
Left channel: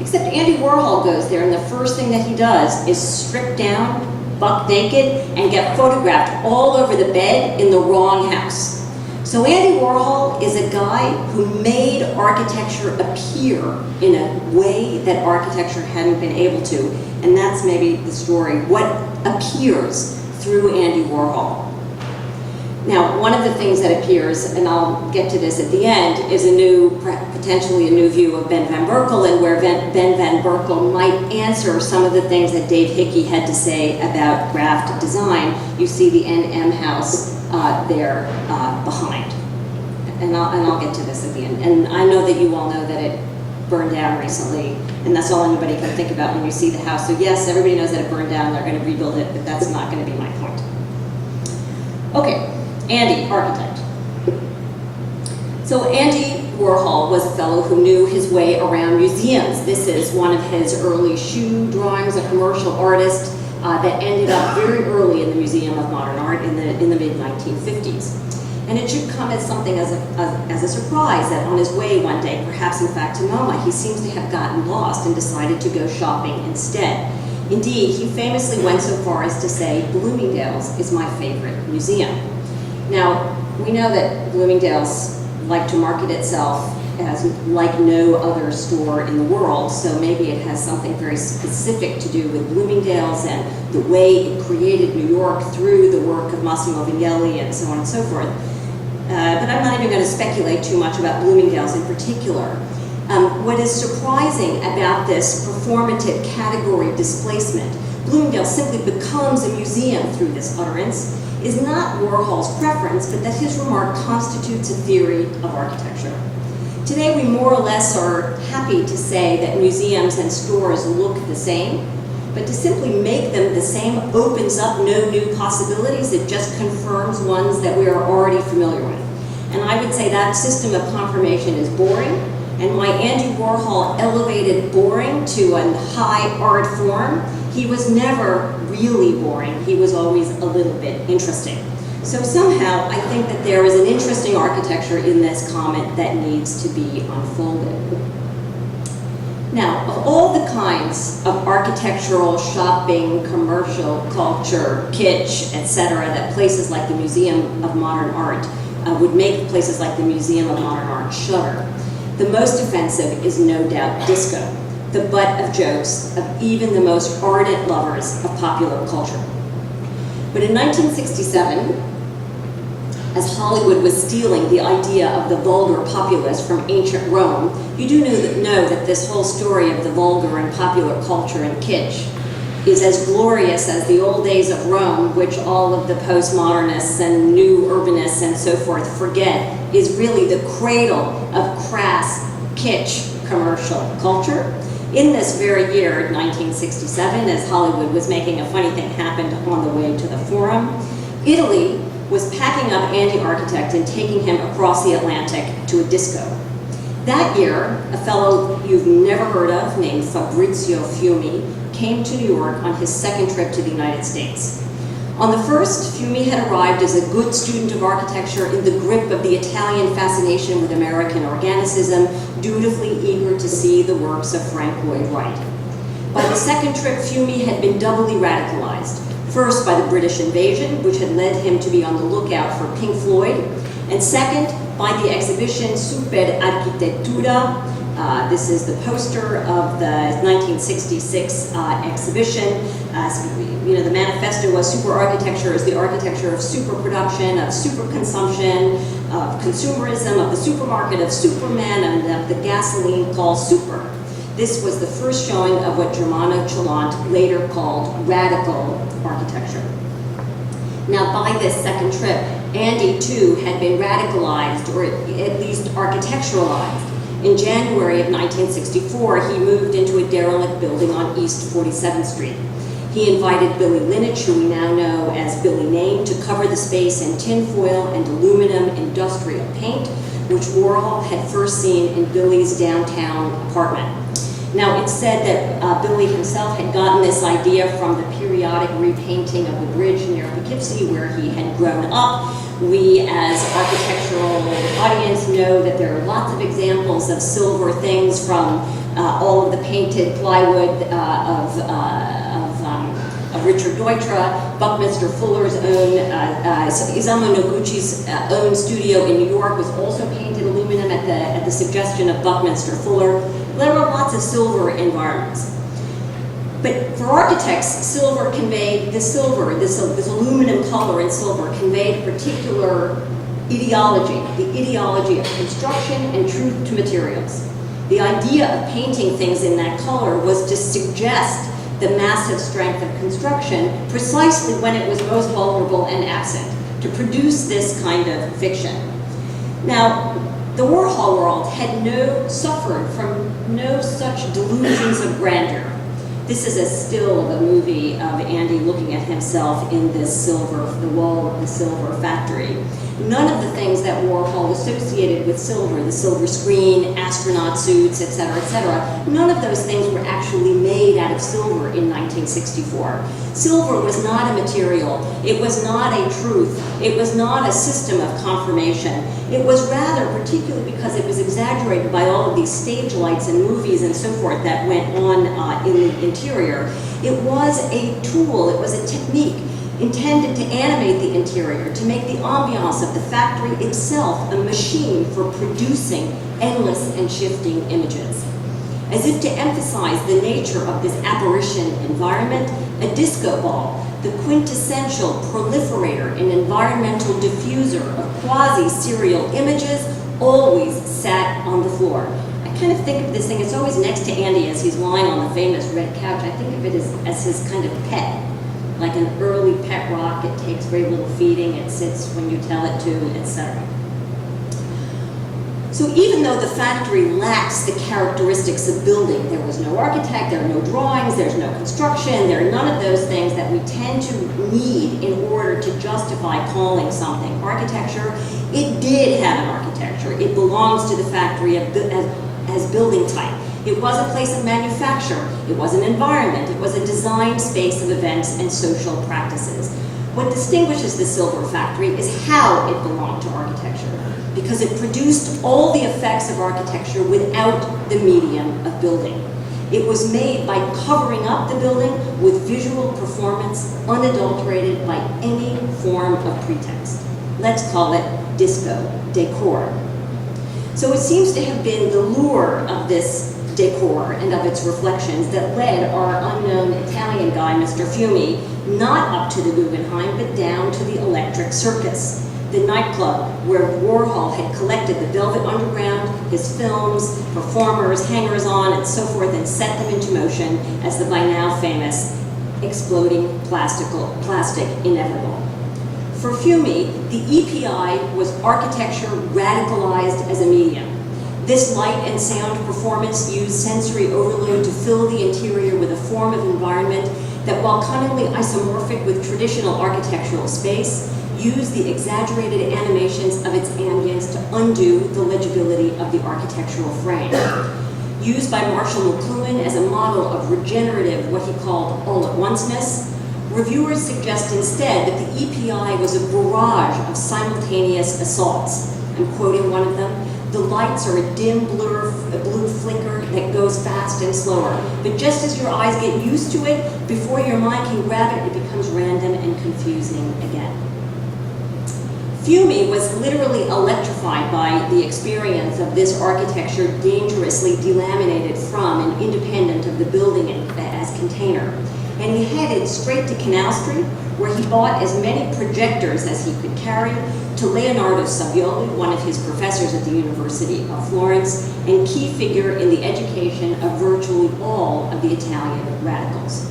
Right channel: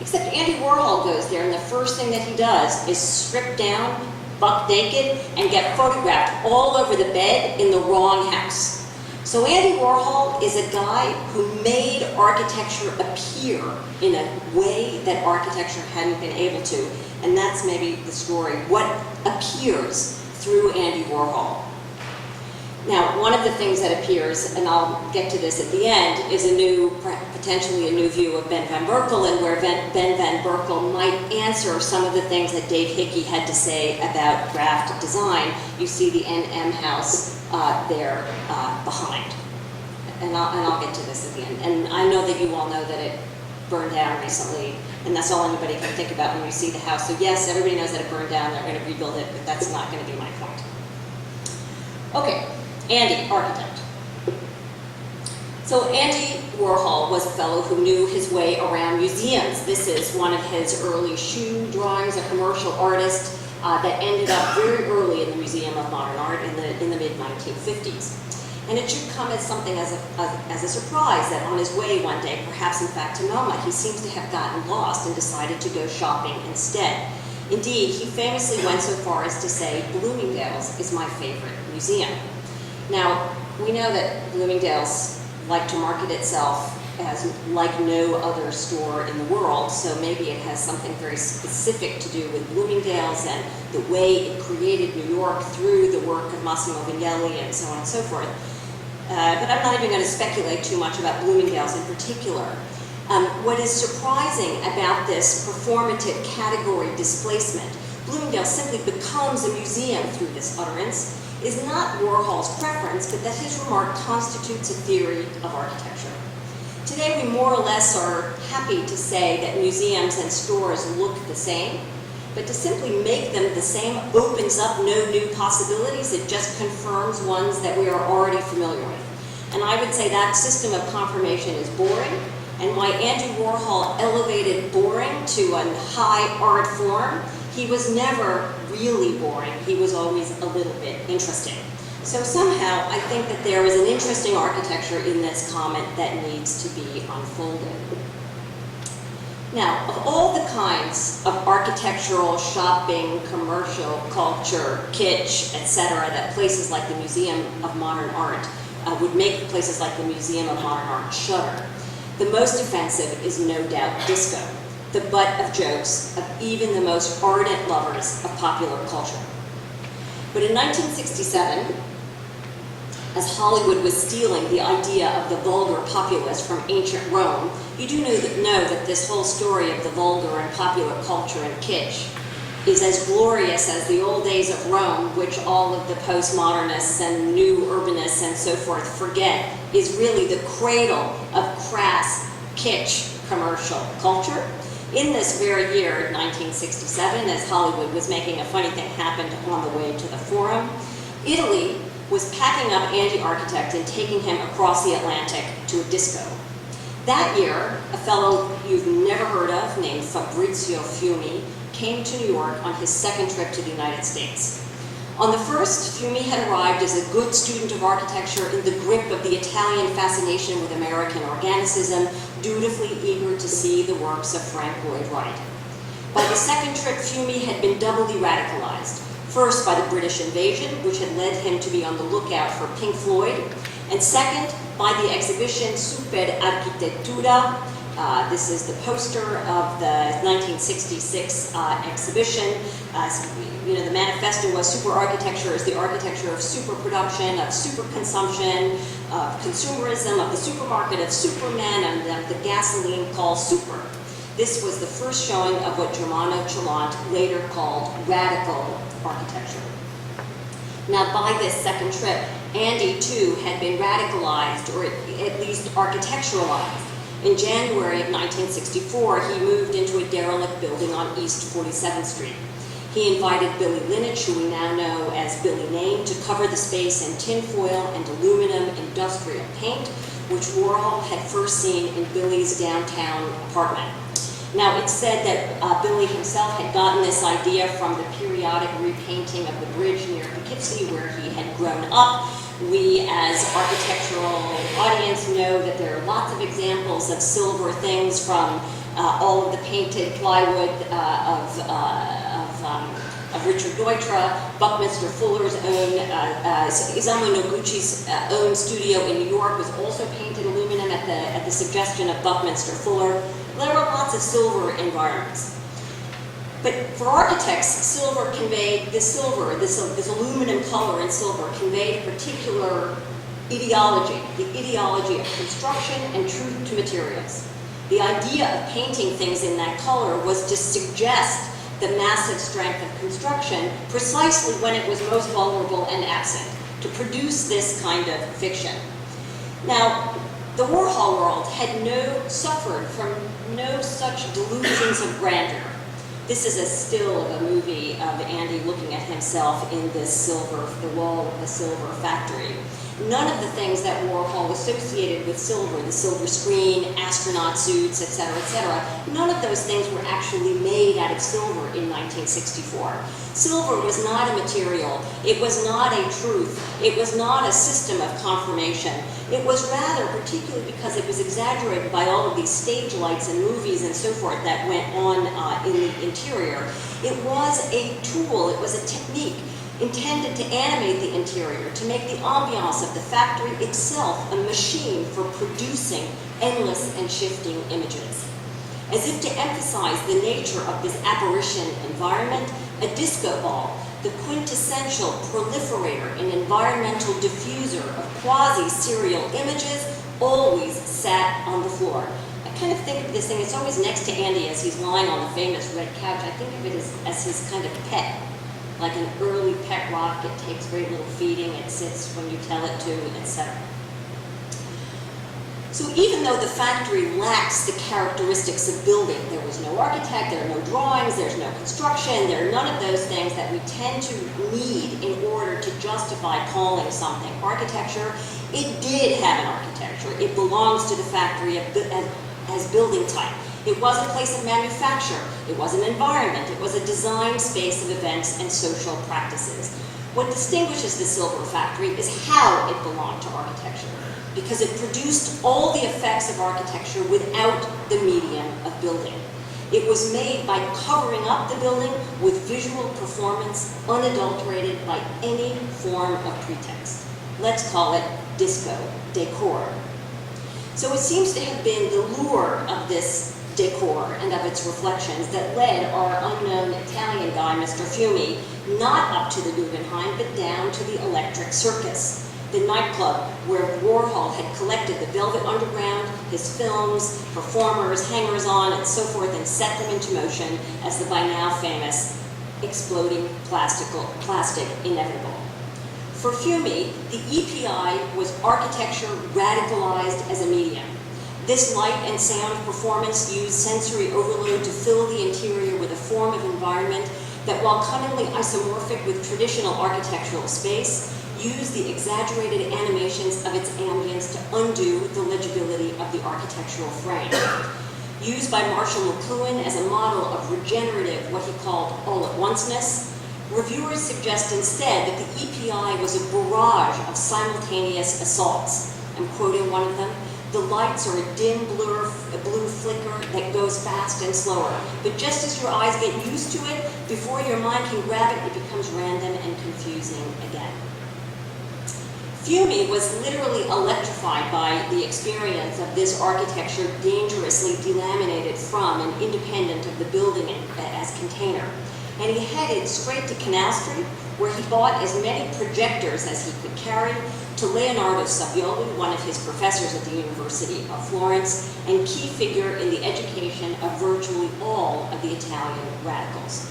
Except Andy Warhol goes there, and the first thing that he does is strip down, buck naked, and get photographed all over the bed in the wrong house. So Andy Warhol is a guy who made architecture appear in a way that architecture hadn't been able to, and that's maybe the story, what appears through Andy Warhol. Now, one of the things that appears, and I'll get to this at the end, is potentially a new view of Ben van Berkel, and where Ben van Berkel might answer some of the things that Dave Hickey had to say about graft design. You see the NM house there behind. And I'll get to this at the end. And I know that you all know that it burned down recently, and that's all anybody can think about when you see the house. So yes, everybody knows that it burned down, they're going to rebuild it, but that's not going to be my point. Okay. Andy, architect. So Andy Warhol was a fellow who knew his way around museums. This is one of his early shoe drawings, a commercial artist that ended up very early in the Museum of Modern Art in the mid-1950s. And it should come as something as a surprise that on his way one day, perhaps in fact to MoMA, he seems to have gotten lost and decided to go shopping instead. Indeed, he famously went so far as to say, Bloomingdale's is my favorite museum. Now, we know that Bloomingdale's like to market itself as like no other store in the world, so maybe it has something very specific to do with Bloomingdale's and the way it created New York through the work of Massimo Vignelli and so on and so forth. But I'm not even going to speculate too much about Bloomingdale's in particular. What is surprising about this performative category displacement, Bloomingdale's simply becomes a museum through this utterance, is not Warhol's preference, but that his remark constitutes a theory of architecture. Today, we more or less are happy to say that museums and stores look the same, but to simply make them the same opens up no new possibilities. It just confirms ones that we are already familiar with. And I would say that system of confirmation is boring, and why Andy Warhol elevated boring to a high art form, he was never really boring. He was always a little bit interesting. So somehow, I think that there is an interesting architecture in this comment that needs to be unfolded. Now, of all the kinds of architectural, shopping, commercial, culture, kitsch, etc., that places like the Museum of Modern Art would make places like the Museum of Modern Art shudder, the most offensive is no doubt disco, the butt of jokes of even the most ardent lovers of popular culture. But in 1967, as Hollywood was stealing the idea of the vulgar populace from ancient Rome, you do know that this whole story of the vulgar and popular culture and kitsch is as glorious as the old days of Rome, which all of the postmodernists and new urbanists and so forth forget is really the cradle of crass kitsch commercial culture. In this very year, 1967, as Hollywood was making a funny thing happen on the way to the Forum, Italy was packing up Andy Architect and taking him across the Atlantic to a disco. That year, a fellow you've never heard of named Fabrizio Fiumi came to New York on his second trip to the United States. On the first, Fiumi had arrived as a good student of architecture in the grip of the Italian fascination with American organicism, dutifully eager to see the works of Frank Lloyd Wright. By the second trip, Fiumi had been doubly radicalized. First, by the British invasion, which had led him to be on the lookout for Pink Floyd, and second, by the exhibition Super Architettura. This is the poster of the 1966 exhibition. The manifesto was super architecture is the architecture of super production, of super consumption, of consumerism, of the supermarket, of supermen, and of the gasoline called super. This was the first showing of what Germano Celant later called radical architecture. Now, by this second trip, Andy, too, had been radicalized, or at least architecturalized. In January of 1964, he moved into a derelict building on East 47th Street. He invited Billy Linich, who we now know as Billy Name, to cover the space in tinfoil and aluminum industrial paint, which Warhol had first seen in Billy's downtown apartment. Now, it's said that Billy himself had gotten this idea from the periodic repainting of the bridge near Poughkeepsie, where he had grown up. We, as architectural audience, know that there are lots of examples of silver things from all of the painted plywood of Richard Deutra, Buckminster Fuller's own, Isamu Noguchi's own studio in New York was also painted aluminum at the suggestion of Buckminster Fuller. There were lots of silver environments. But for architects, silver conveyed, this aluminum color in silver conveyed a particular ideology, the ideology of construction and truth to materials. The idea of painting things in that color was to suggest the massive strength of construction precisely when it was most vulnerable and absent, to produce this kind of fiction. Now, the Warhol world had suffered from no such delusions of grandeur. This is a still of a movie of Andy looking at himself in this the wall of the silver factory. None of the things that Warhol associated with silver, the silver screen, astronaut suits, etc., none of those things were actually made out of silver in 1964. Silver was not a material. It was not a truth. It was not a system of confirmation. It was rather, particularly because it was exaggerated by all of these stage lights and movies and so forth that went on in the interior, it was a tool, it was a technique intended to animate the interior, to make the ambiance of the factory itself a machine for producing endless and shifting images. As if to emphasize the nature of this apparition environment, a disco ball, the quintessential proliferator and environmental diffuser of quasi-serial images, always sat on the floor. I kind of think of this thing, it's always next to Andy as he's lying on the famous red couch. I think of it as his kind of pet, like an early pet rock. It takes very little feeding, it sits when you tell it to, etc. So even though the factory lacks the characteristics of building, there was no architect, there are no drawings, there's no construction, there are none of those things that we tend to need in order to justify calling something architecture, it did have an architecture. It belongs to the factory as building type. It was a place of manufacture. It was an environment. It was a design space of events and social practices. What distinguishes the silver factory is how it belonged to architecture, because it produced all the effects of architecture without the medium of building. It was made by covering up the building with visual performance unadulterated by any form of pretext. Let's call it disco decor. So it seems to have been the lure of this decor and of its reflections that led our unknown Italian guy, Mr. Fiumi, not up to the Guggenheim, but down to the Electric Circus. the nightclub where Warhol had collected the Velvet Underground, his films, performers, hangers-on, and so forth, and set them into motion as the by now famous exploding plastic inevitable. For Fiume, the EPI was architecture radicalized as a medium. This light and sound performance used sensory overload to fill the interior with a form of environment that, while cunningly isomorphic with traditional architectural space, used the exaggerated animations of its ambience to undo the legibility of the architectural frame. Used by Marshall McLuhan as a model of regenerative, what he called all-at-onceness, reviewers suggest instead that the EPI was a barrage of simultaneous assaults. I'm quoting one of them. The lights are a dim blue flicker that goes fast and slower. But just as your eyes get used to it, before your mind can grab it, it becomes random and confusing again. Fiume was literally electrified by the experience of this architecture dangerously delaminated from and independent of the building as container. And he headed straight to Canal Street, where he bought as many projectors as he could carry, to Leonardo Savioli, one of his professors at the University of Florence, and key figure in the education of virtually all of the Italian radicals.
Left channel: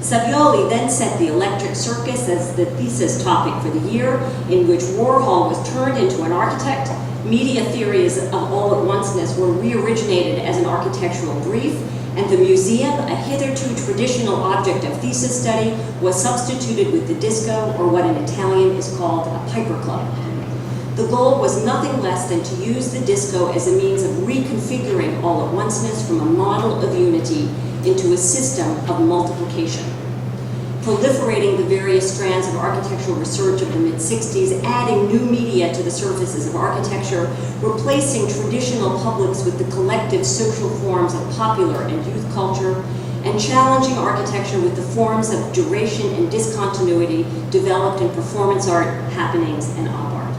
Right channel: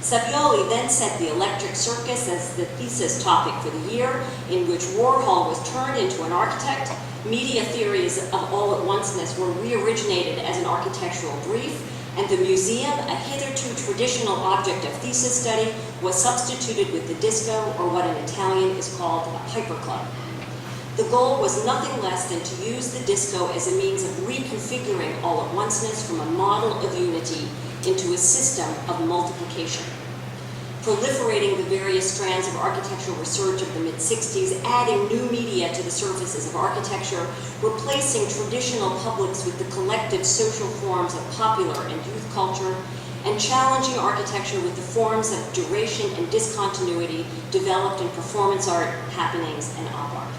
Savioli then set the Electric Circus as the thesis topic for the year, in which Warhol was turned into an architect, media theories of all-at-onceness were re-originated as an architectural brief, and the museum, a hitherto traditional object of thesis study, was substituted with the disco, or what in Italian is called a piper club. The goal was nothing less than to use the disco as a means of reconfiguring all-at-onceness from a model of unity into a system of multiplication. Proliferating the various strands of architectural research of the mid-60s, adding new media to the surfaces of architecture, replacing traditional publics with the collective social forms of popular and youth culture, and challenging architecture with the forms of duration and discontinuity developed in performance art, happenings, and op art.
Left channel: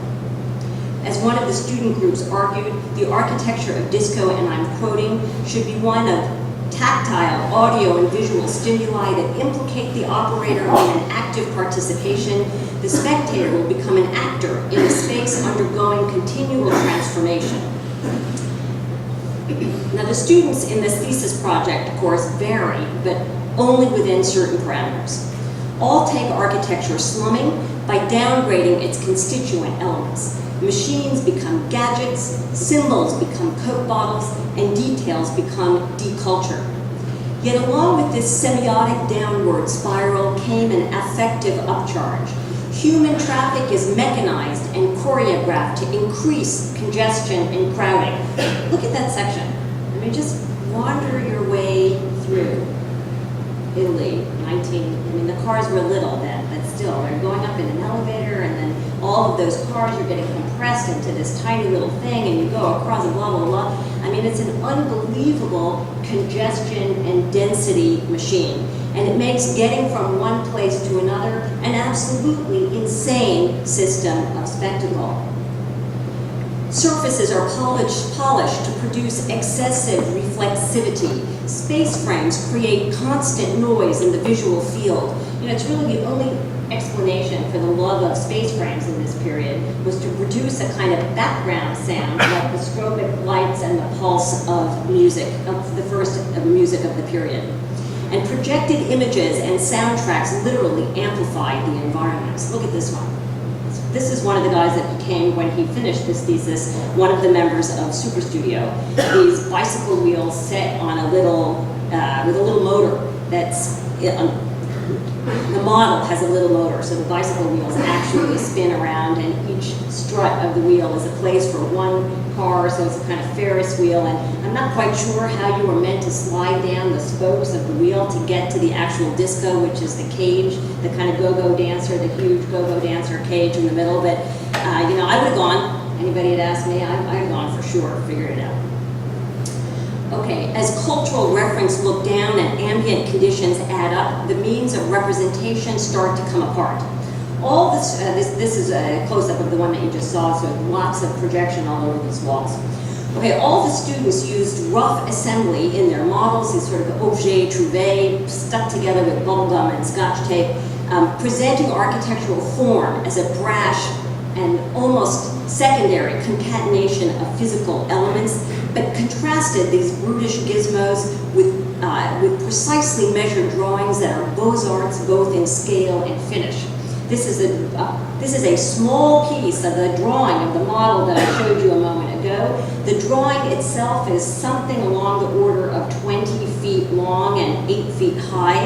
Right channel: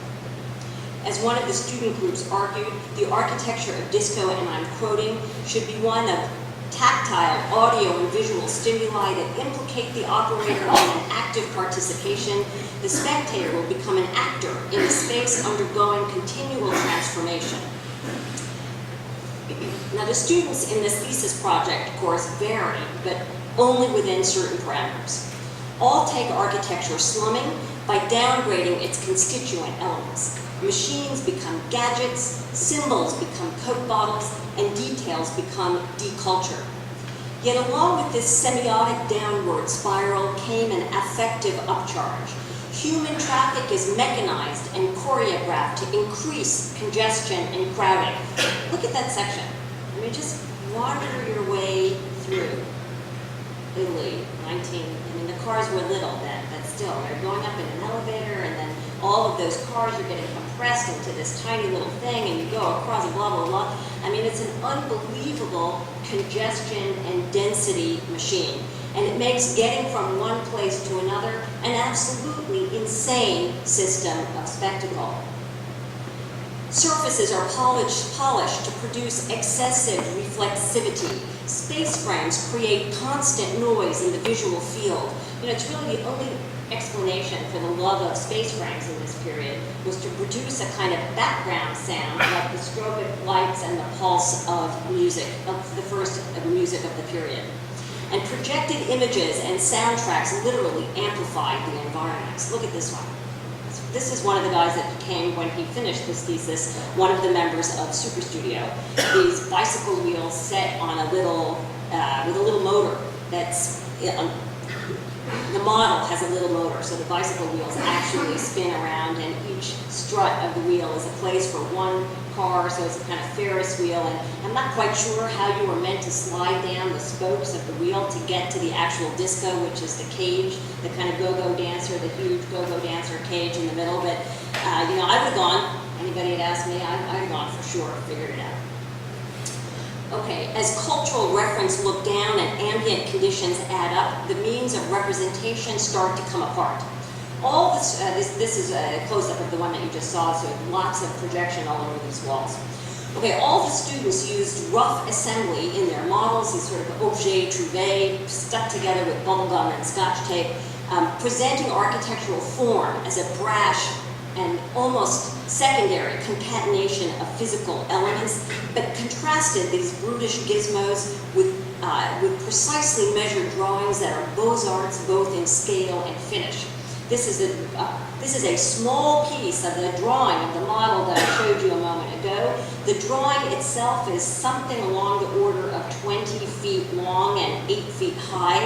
As one of the student groups argued, the architecture of disco, and I'm quoting, should be one of tactile, audio, and visual stimuli that implicate the operator in an active participation. The spectator will become an actor in a space undergoing continual transformation. Now, the students in this thesis project, of course, vary, but only within certain parameters. All take architecture slumming by downgrading its constituent elements. Machines become gadgets, symbols become Coke bottles, and details become deculture. Yet along with this semiotic downward spiral came an affective upcharge. Human traffic is mechanized and choreographed to increase congestion and crowding. Look at that section. I mean, just wander your way through Italy, the cars were little then, but still, they're going up in an elevator, and then all of those cars are getting compressed into this tiny little thing, and you go across a blah, blah, blah. I mean, it's an unbelievable congestion and density machine. And it makes getting from one place to another an absolutely insane system of spectacle. Surfaces are polished to produce excessive reflexivity. Space frames create constant noise in the visual field. It's really the only explanation for the love of space frames in this period was to produce a kind of background sound like the strobic lights and the pulse of music, of the first of music of the period. And projected images and soundtracks literally amplified the environments. Look at this one. This is one of the guys that became, when he finished this thesis, one of the members of Super Studio. These bicycle wheels set on a little, with a little motor that's, the model has a little motor, so the bicycle wheels actually spin around, and each strut of the wheel is a place for one car, so it's a kind of Ferris wheel, and I'm not quite sure how you were meant to slide down the spokes of the wheel to get to the actual disco, which is the cage, the kind of go-go dancer, the huge go-go dancer cage in the middle, but I would have gone. Anybody had asked me, I'd have gone for sure, figured it out. Okay, as cultural reference look down and ambient conditions add up, the means of representation start to come apart. All this, this is a close-up of the one that you just saw, so lots of projection all over these walls. Okay, all the students used rough assembly in their models, these sort of objets trouvés, stuck together with bubble gum and scotch tape, presenting architectural form as a brash and almost secondary concatenation of physical elements, but contrasted these brutish gizmos with precisely measured drawings that are beaux-arts both in scale and finish. This is a small piece of the drawing of the model that I showed you a moment ago. The drawing itself is something along the order of 20 feet long and 8 feet high.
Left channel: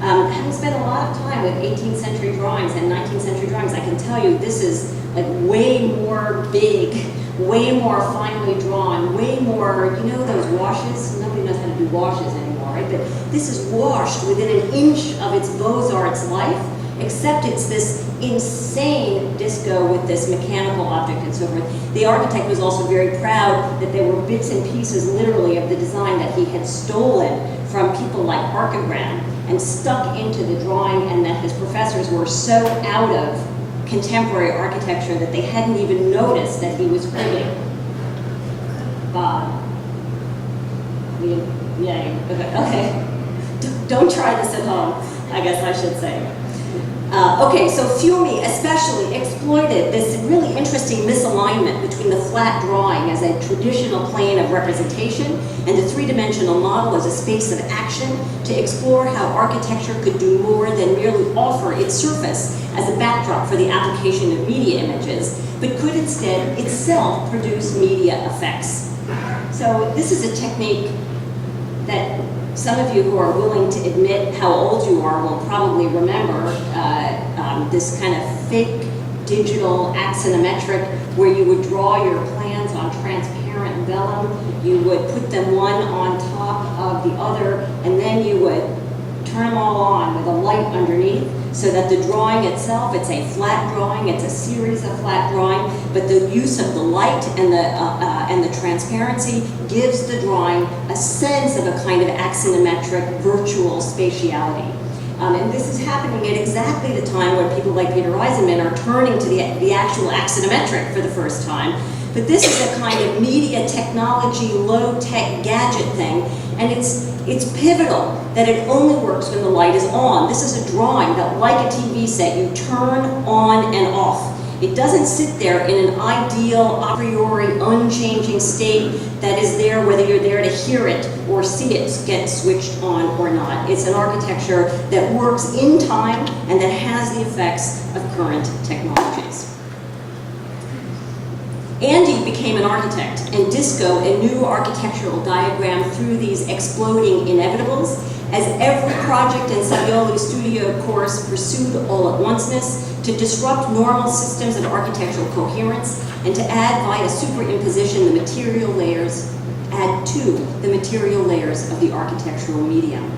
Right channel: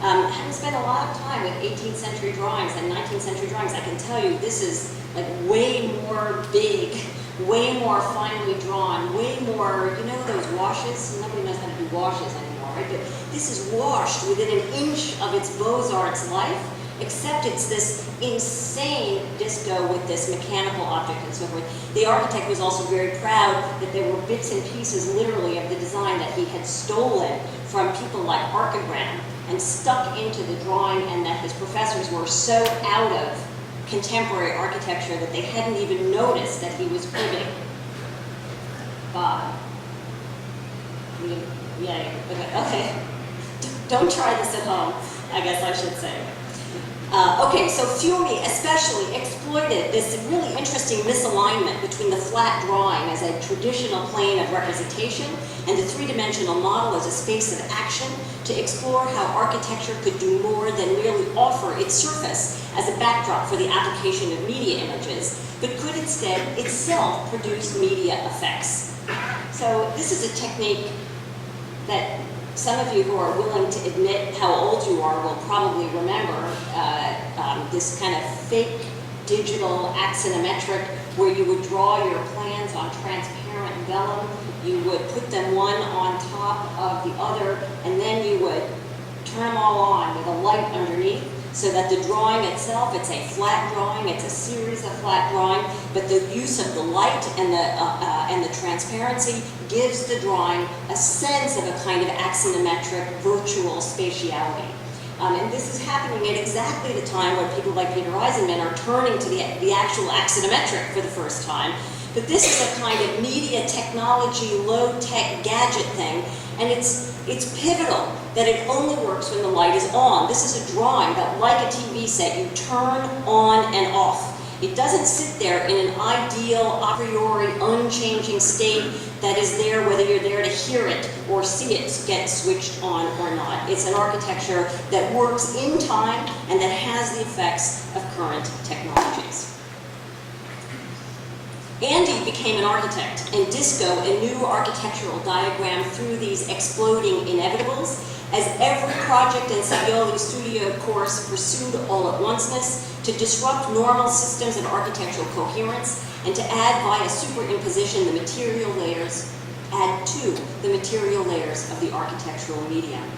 Having spent a lot of time with 18th century drawings and 19th century drawings, I can tell you this is like way more big, way more finely drawn, way more, you know those washes? Nobody knows how to do washes anymore, right? But this is washed within an inch of its Beaux-Arts life, except it's this insane disco with this mechanical object and so forth. The architect was also very proud that there were bits and pieces literally of the design that he had stolen from people like Archigram and stuck into the drawing, and that his professors were so out of contemporary architecture that they hadn't even noticed that he was cribbing. Bob. Yeah, okay. Don't try this at home, I guess I should say. Okay, so Fiume especially exploited this really interesting misalignment between the flat drawing as a traditional plane of representation and the three-dimensional model as a space of action to explore how architecture could do more than merely offer its surface as a backdrop for the application of media images, but could instead itself produce media effects. So this is a technique that some of you who are willing to admit how old you are will probably remember, this kind of fake digital axonometric where you would draw your plans on transparent vellum, you would put them one on top of the other, and then you would turn them all on with a light underneath so that the drawing itself, it's a flat drawing, it's a series of flat drawing, but the use of the light and the transparency gives the drawing a sense of a kind of axonometric virtual spatiality. And this is happening at exactly the time where people like Peter Eisenman are turning to the actual axonometric for the first time. But this is a kind of media technology, low-tech gadget thing, and it's pivotal that it only works when the light is on. This is a drawing that, like a TV set, you turn on and off. It doesn't sit there in an ideal, a priori, unchanging state that is there whether you're there to hear it or see it get switched on or not. It's an architecture that works in time and that has the effects of current technologies. Andy became an architect, and Disco a new architectural diagram through these exploding inevitables, as every project in Savioli's studio course pursued all-at-onceness to disrupt normal systems of architectural coherence and to add via superimposition the material layers, add to the material layers of the architectural medium.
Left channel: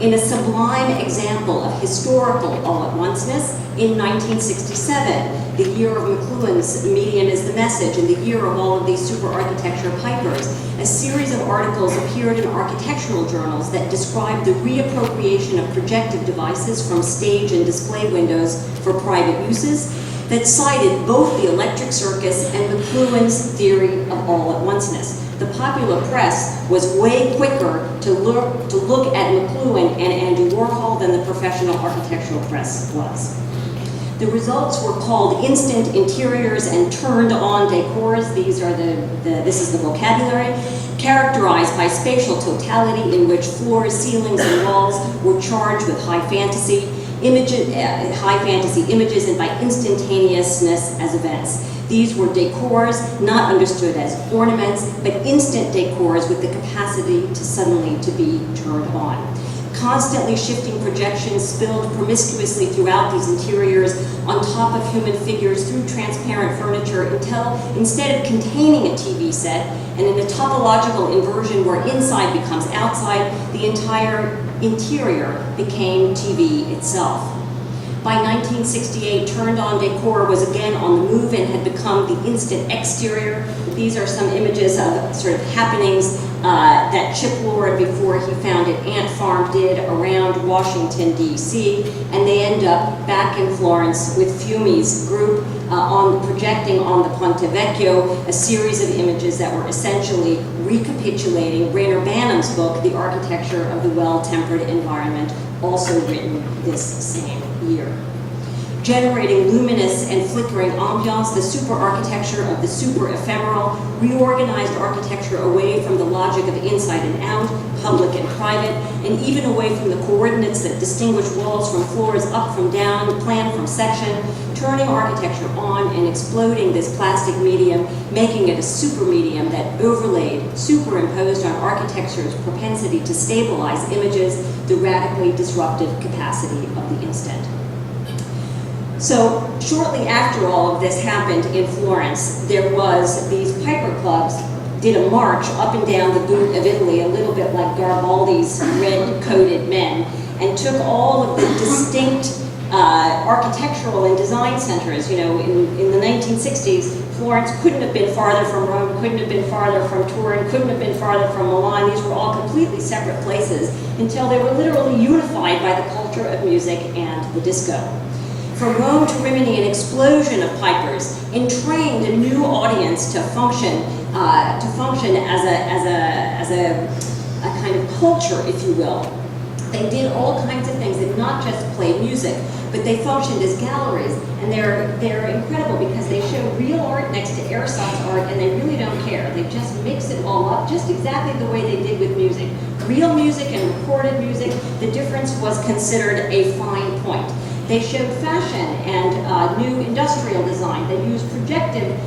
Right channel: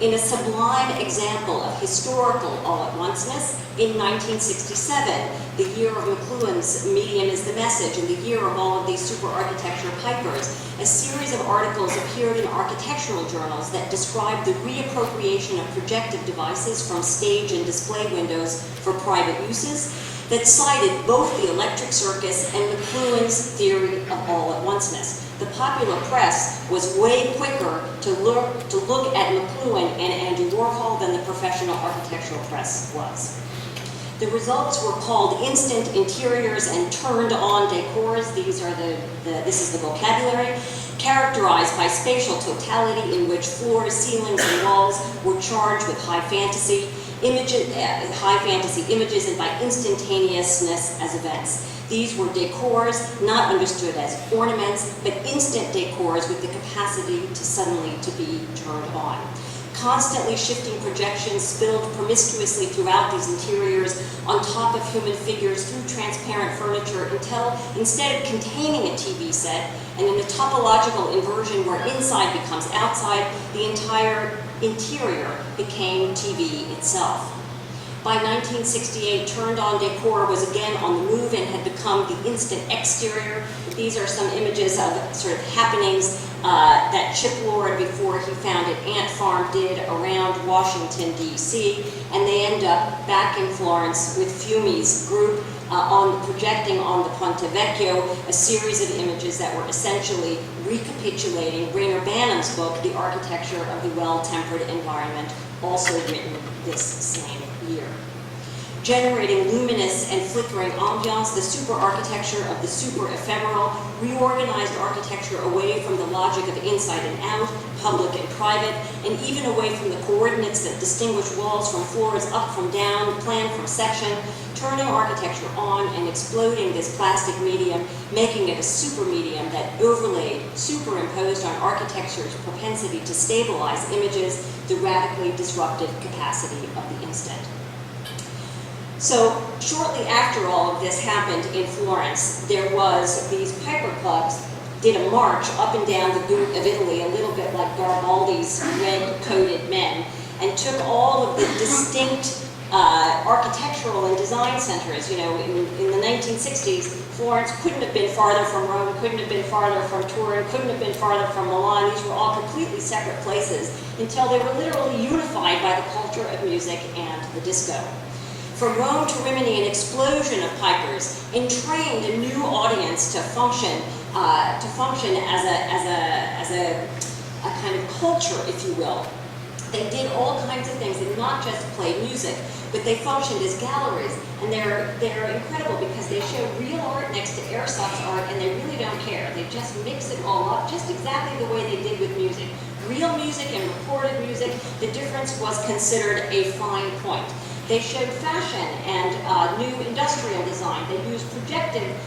In a sublime example of historical all-at-onceness, in 1967, the year of McLuhan's Medium is the Message, and the year of all of these super architecture pipers, a series of articles appeared in architectural journals that described the reappropriation of projective devices from stage and display windows for private uses, that cited both the electric circus and McLuhan's theory of all-at-onceness. The popular press was way quicker to look at McLuhan and Andy Warhol than the professional architectural press was. The results were called instant interiors and turned-on decors. These are this is the vocabulary, characterized by spatial totality in which floors, ceilings, and walls were charged with high fantasy images and by instantaneousness as events. These were decors, not understood as ornaments, but instant decors with the capacity to suddenly to be turned on. Constantly shifting projections spilled promiscuously throughout these interiors on top of human figures through transparent furniture until, instead of containing a TV set, and in a topological inversion where inside becomes outside, the entire interior became TV itself. By 1968, turned-on decor was again on the move and had become the instant exterior. These are some images of sort of happenings that Chip Lord, before he founded Ant Farm, did around Washington, D.C., and they end up back in Florence with Fiume's group projecting on the Ponte Vecchio a series of images that were essentially recapitulating Rainer Banham's book, The Architecture of the Well-Tempered Environment, also written this same year. generating luminous and flickering ambiance, the super architecture of the super ephemeral, reorganized architecture away from the logic of inside and out, public and private, and even away from the coordinates that distinguish walls from floors, up from down, plan from section, turning architecture on and exploding this plastic medium, making it a super medium that overlaid, superimposed on architecture's propensity to stabilize images, the radically disruptive capacity of the instant. So shortly after all of this happened in Florence, there was these piper clubs did a march up and down the boot of Italy, a little bit like Garibaldi's red-coated men, and took all of the distinct architectural and design centers. You know, in the 1960s, Florence couldn't have been farther from Rome, couldn't have been farther from Turin, couldn't have been farther from Milan. These were all completely separate places until they were literally unified by the culture of music and the disco. From Rome to Rimini, an explosion of pipers entrained a new audience to function as a kind of culture, if you will. They did all kinds of things, and not just play music, but they functioned as galleries, and they're incredible because they show real art next to ersatz art, and they really don't care. They just mix it all up, just exactly the way they did with music. Real music and recorded music, the difference was considered a fine point. They showed fashion and new industrial design. They used projective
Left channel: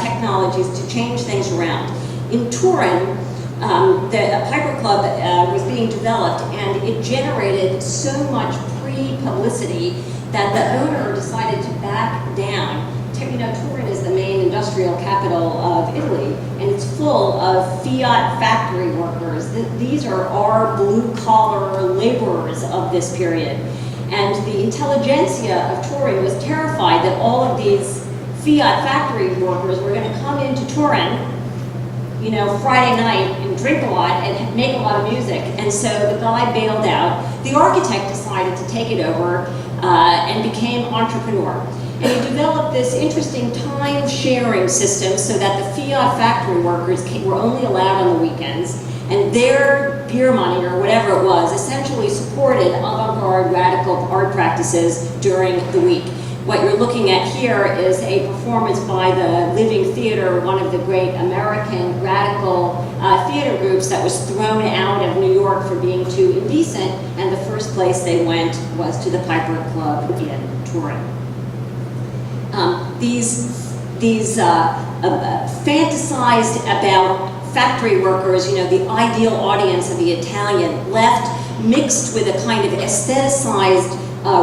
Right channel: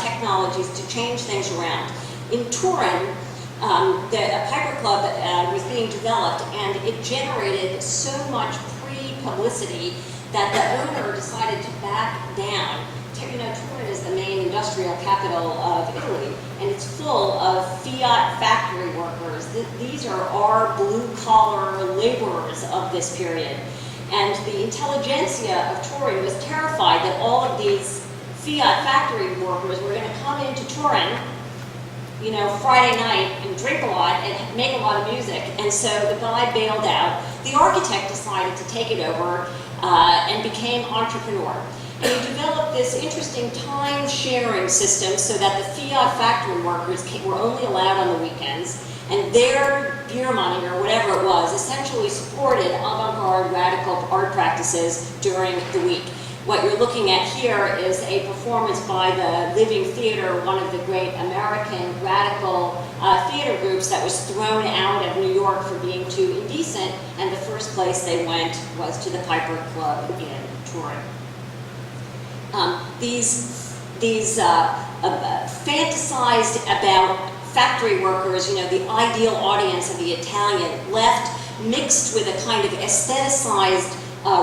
technologies to change things around. In Turin, the Piper Club was being developed, and it generated so much pre-publicity that the owner decided to back down. You know, Turin is the main industrial capital of Italy, and it's full of fiat factory workers. These are our blue-collar laborers of this period. And the intelligentsia of Turin was terrified that all of these fiat factory workers were going to come into Turin, you know, Friday night and drink a lot and make a lot of music. And so the guy bailed out. The architect decided to take it over and became entrepreneur. And he developed this interesting time-sharing system so that the fiat factory workers were only allowed on the weekends, and their beer money, or whatever it was, essentially supported avant-garde radical art practices during the week. What you're looking at here is a performance by the Living Theater, one of the great American radical theater groups that was thrown out of New York for being too indecent, and the first place they went was to the Piper Club in Turin. These fantasized about factory workers, you know, the ideal audience of the Italian left, mixed with a kind of aestheticized,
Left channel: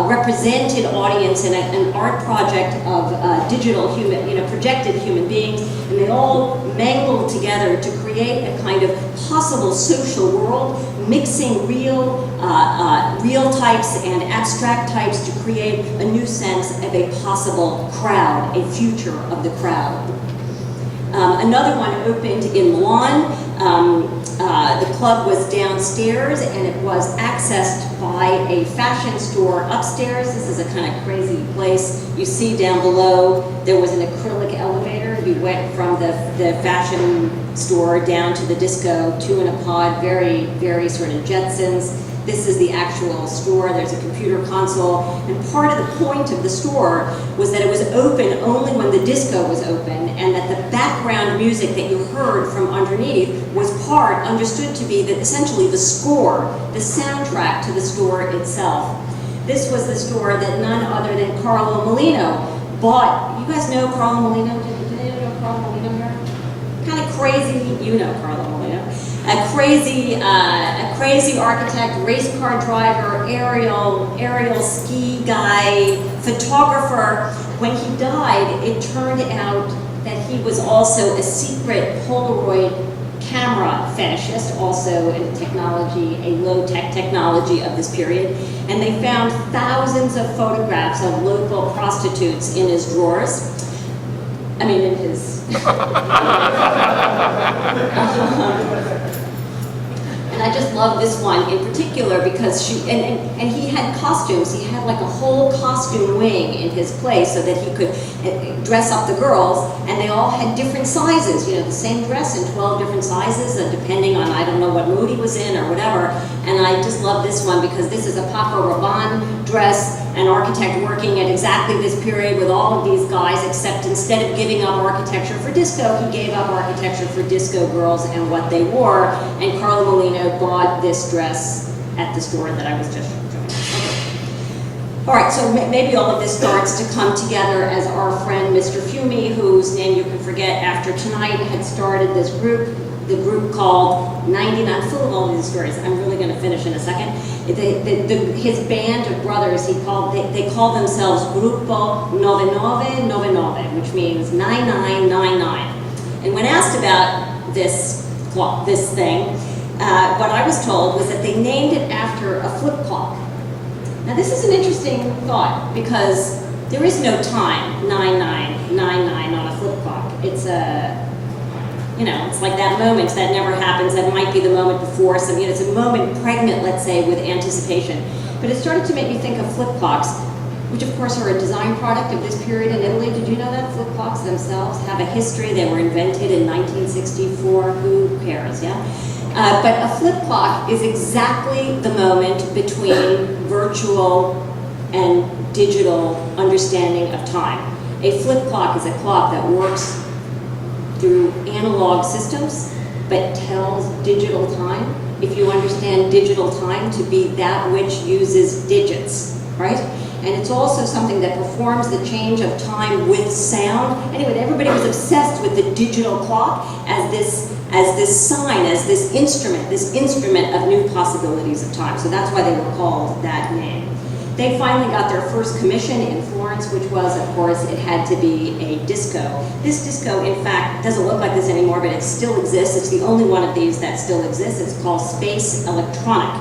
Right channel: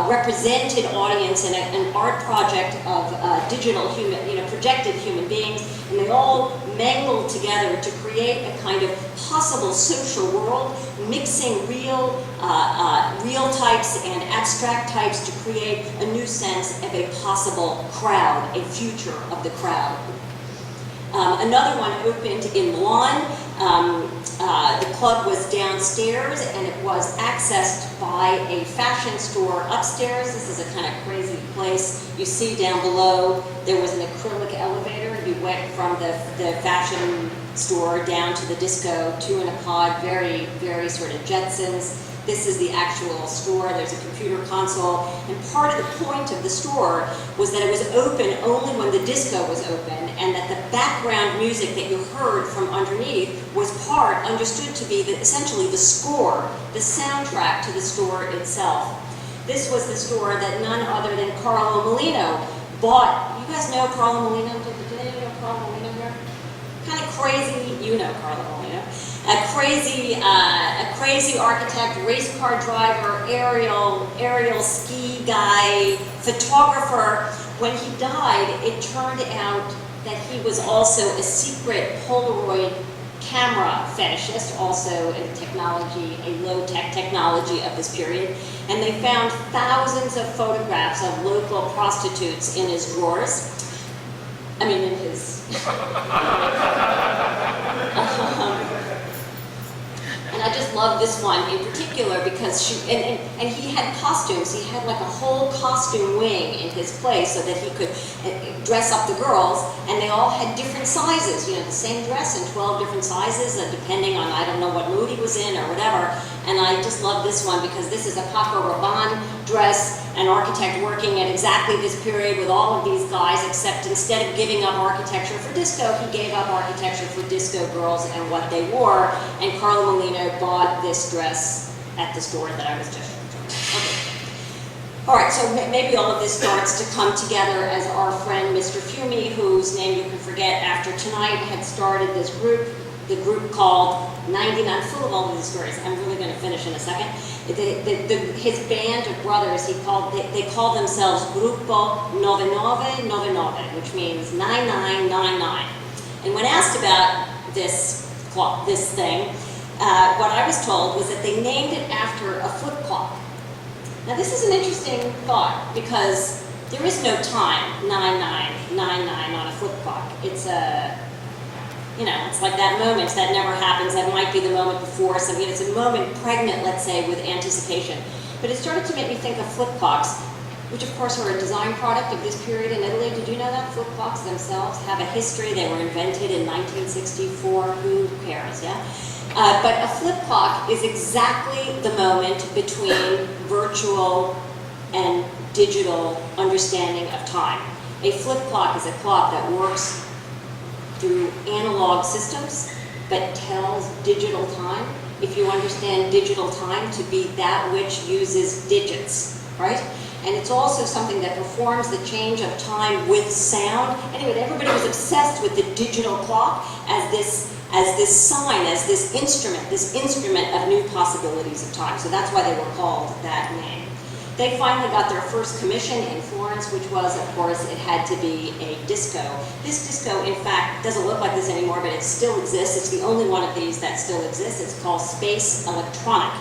represented audience in an art project of digital human, you know, projected human beings, and they all mangled together to create a kind of possible social world, mixing real types and abstract types to create a new sense of a possible crowd, a future of the crowd. Another one opened in Milan. The club was downstairs, and it was accessed by a fashion store upstairs. This is a kind of crazy place. You see down below, there was an acrylic elevator. You went from the fashion store down to the disco, two in a pod, very, very sort of Jetsons. This is the actual store. There's a computer console. And part of the point of the store was that it was open only when the disco was open, and that the background music that you heard from underneath was understood to be essentially the score, the soundtrack to the store itself. This was the store that none other than Carlo Molino bought. You guys know Carlo Molino? Did anyone know Carlo Molino here? Kind of crazy, you know Carlo Molino. A crazy architect, race car driver, aerial ski guy, photographer. When he died, it turned out that he was also a secret Polaroid camera fetishist, also in technology, a low-tech technology of this period. And they found thousands of photographs of local prostitutes in his drawers. I mean, in his... And And I just love this one in particular because and he had costumes. He had like a whole costume wing in his place so that he could dress up the girls, and they all had different sizes, you know, the same dress in 12 different sizes, depending on, I don't know what mood he was in or whatever. And I just love this one because this is a Paco Rabanne dress, an architect working at exactly this period with all of these guys, except instead of giving up architecture for disco, he gave up architecture for disco girls and what they wore. And Carlo Molino bought this dress at the store that I was just showing. Okay. All right, so maybe all of this starts to come together as our friend Mr. Fiume, whose name you can forget after tonight, had started this group, the group called 99, full of all these stories. I'm really going to finish in a second. His band of brothers, they call themselves Gruppo 9999, which means 9999. And when asked about this thing, what I was told was that they named it after a flip clock. Now this is an interesting thought because there is no time 9999 on a flip clock. It's it's like that moment that never happens. That might be the moment before. So it's a moment pregnant, let's say, with anticipation. But it started to make me think of flip clocks, which of course are a design product of this period in Italy. Did you know that? Flip clocks themselves have a history. They were invented in 1964. Who cares, yeah? But a flip clock is exactly the moment between virtual and digital understanding of time. A flip clock is a clock that works through analog systems, but tells digital time. If you understand digital time to be that which uses digits, right? And it's also something that performs the change of time with sound. Anyway, everybody was obsessed with the digital clock as this sign, as this instrument of new possibilities of time. So that's why they were called that name. They finally got their first commission in Florence, which was, of course, it had to be a disco. This disco, in fact, doesn't look like this anymore, but it still exists. It's the only one of these that still exists. It's called Space Electronic.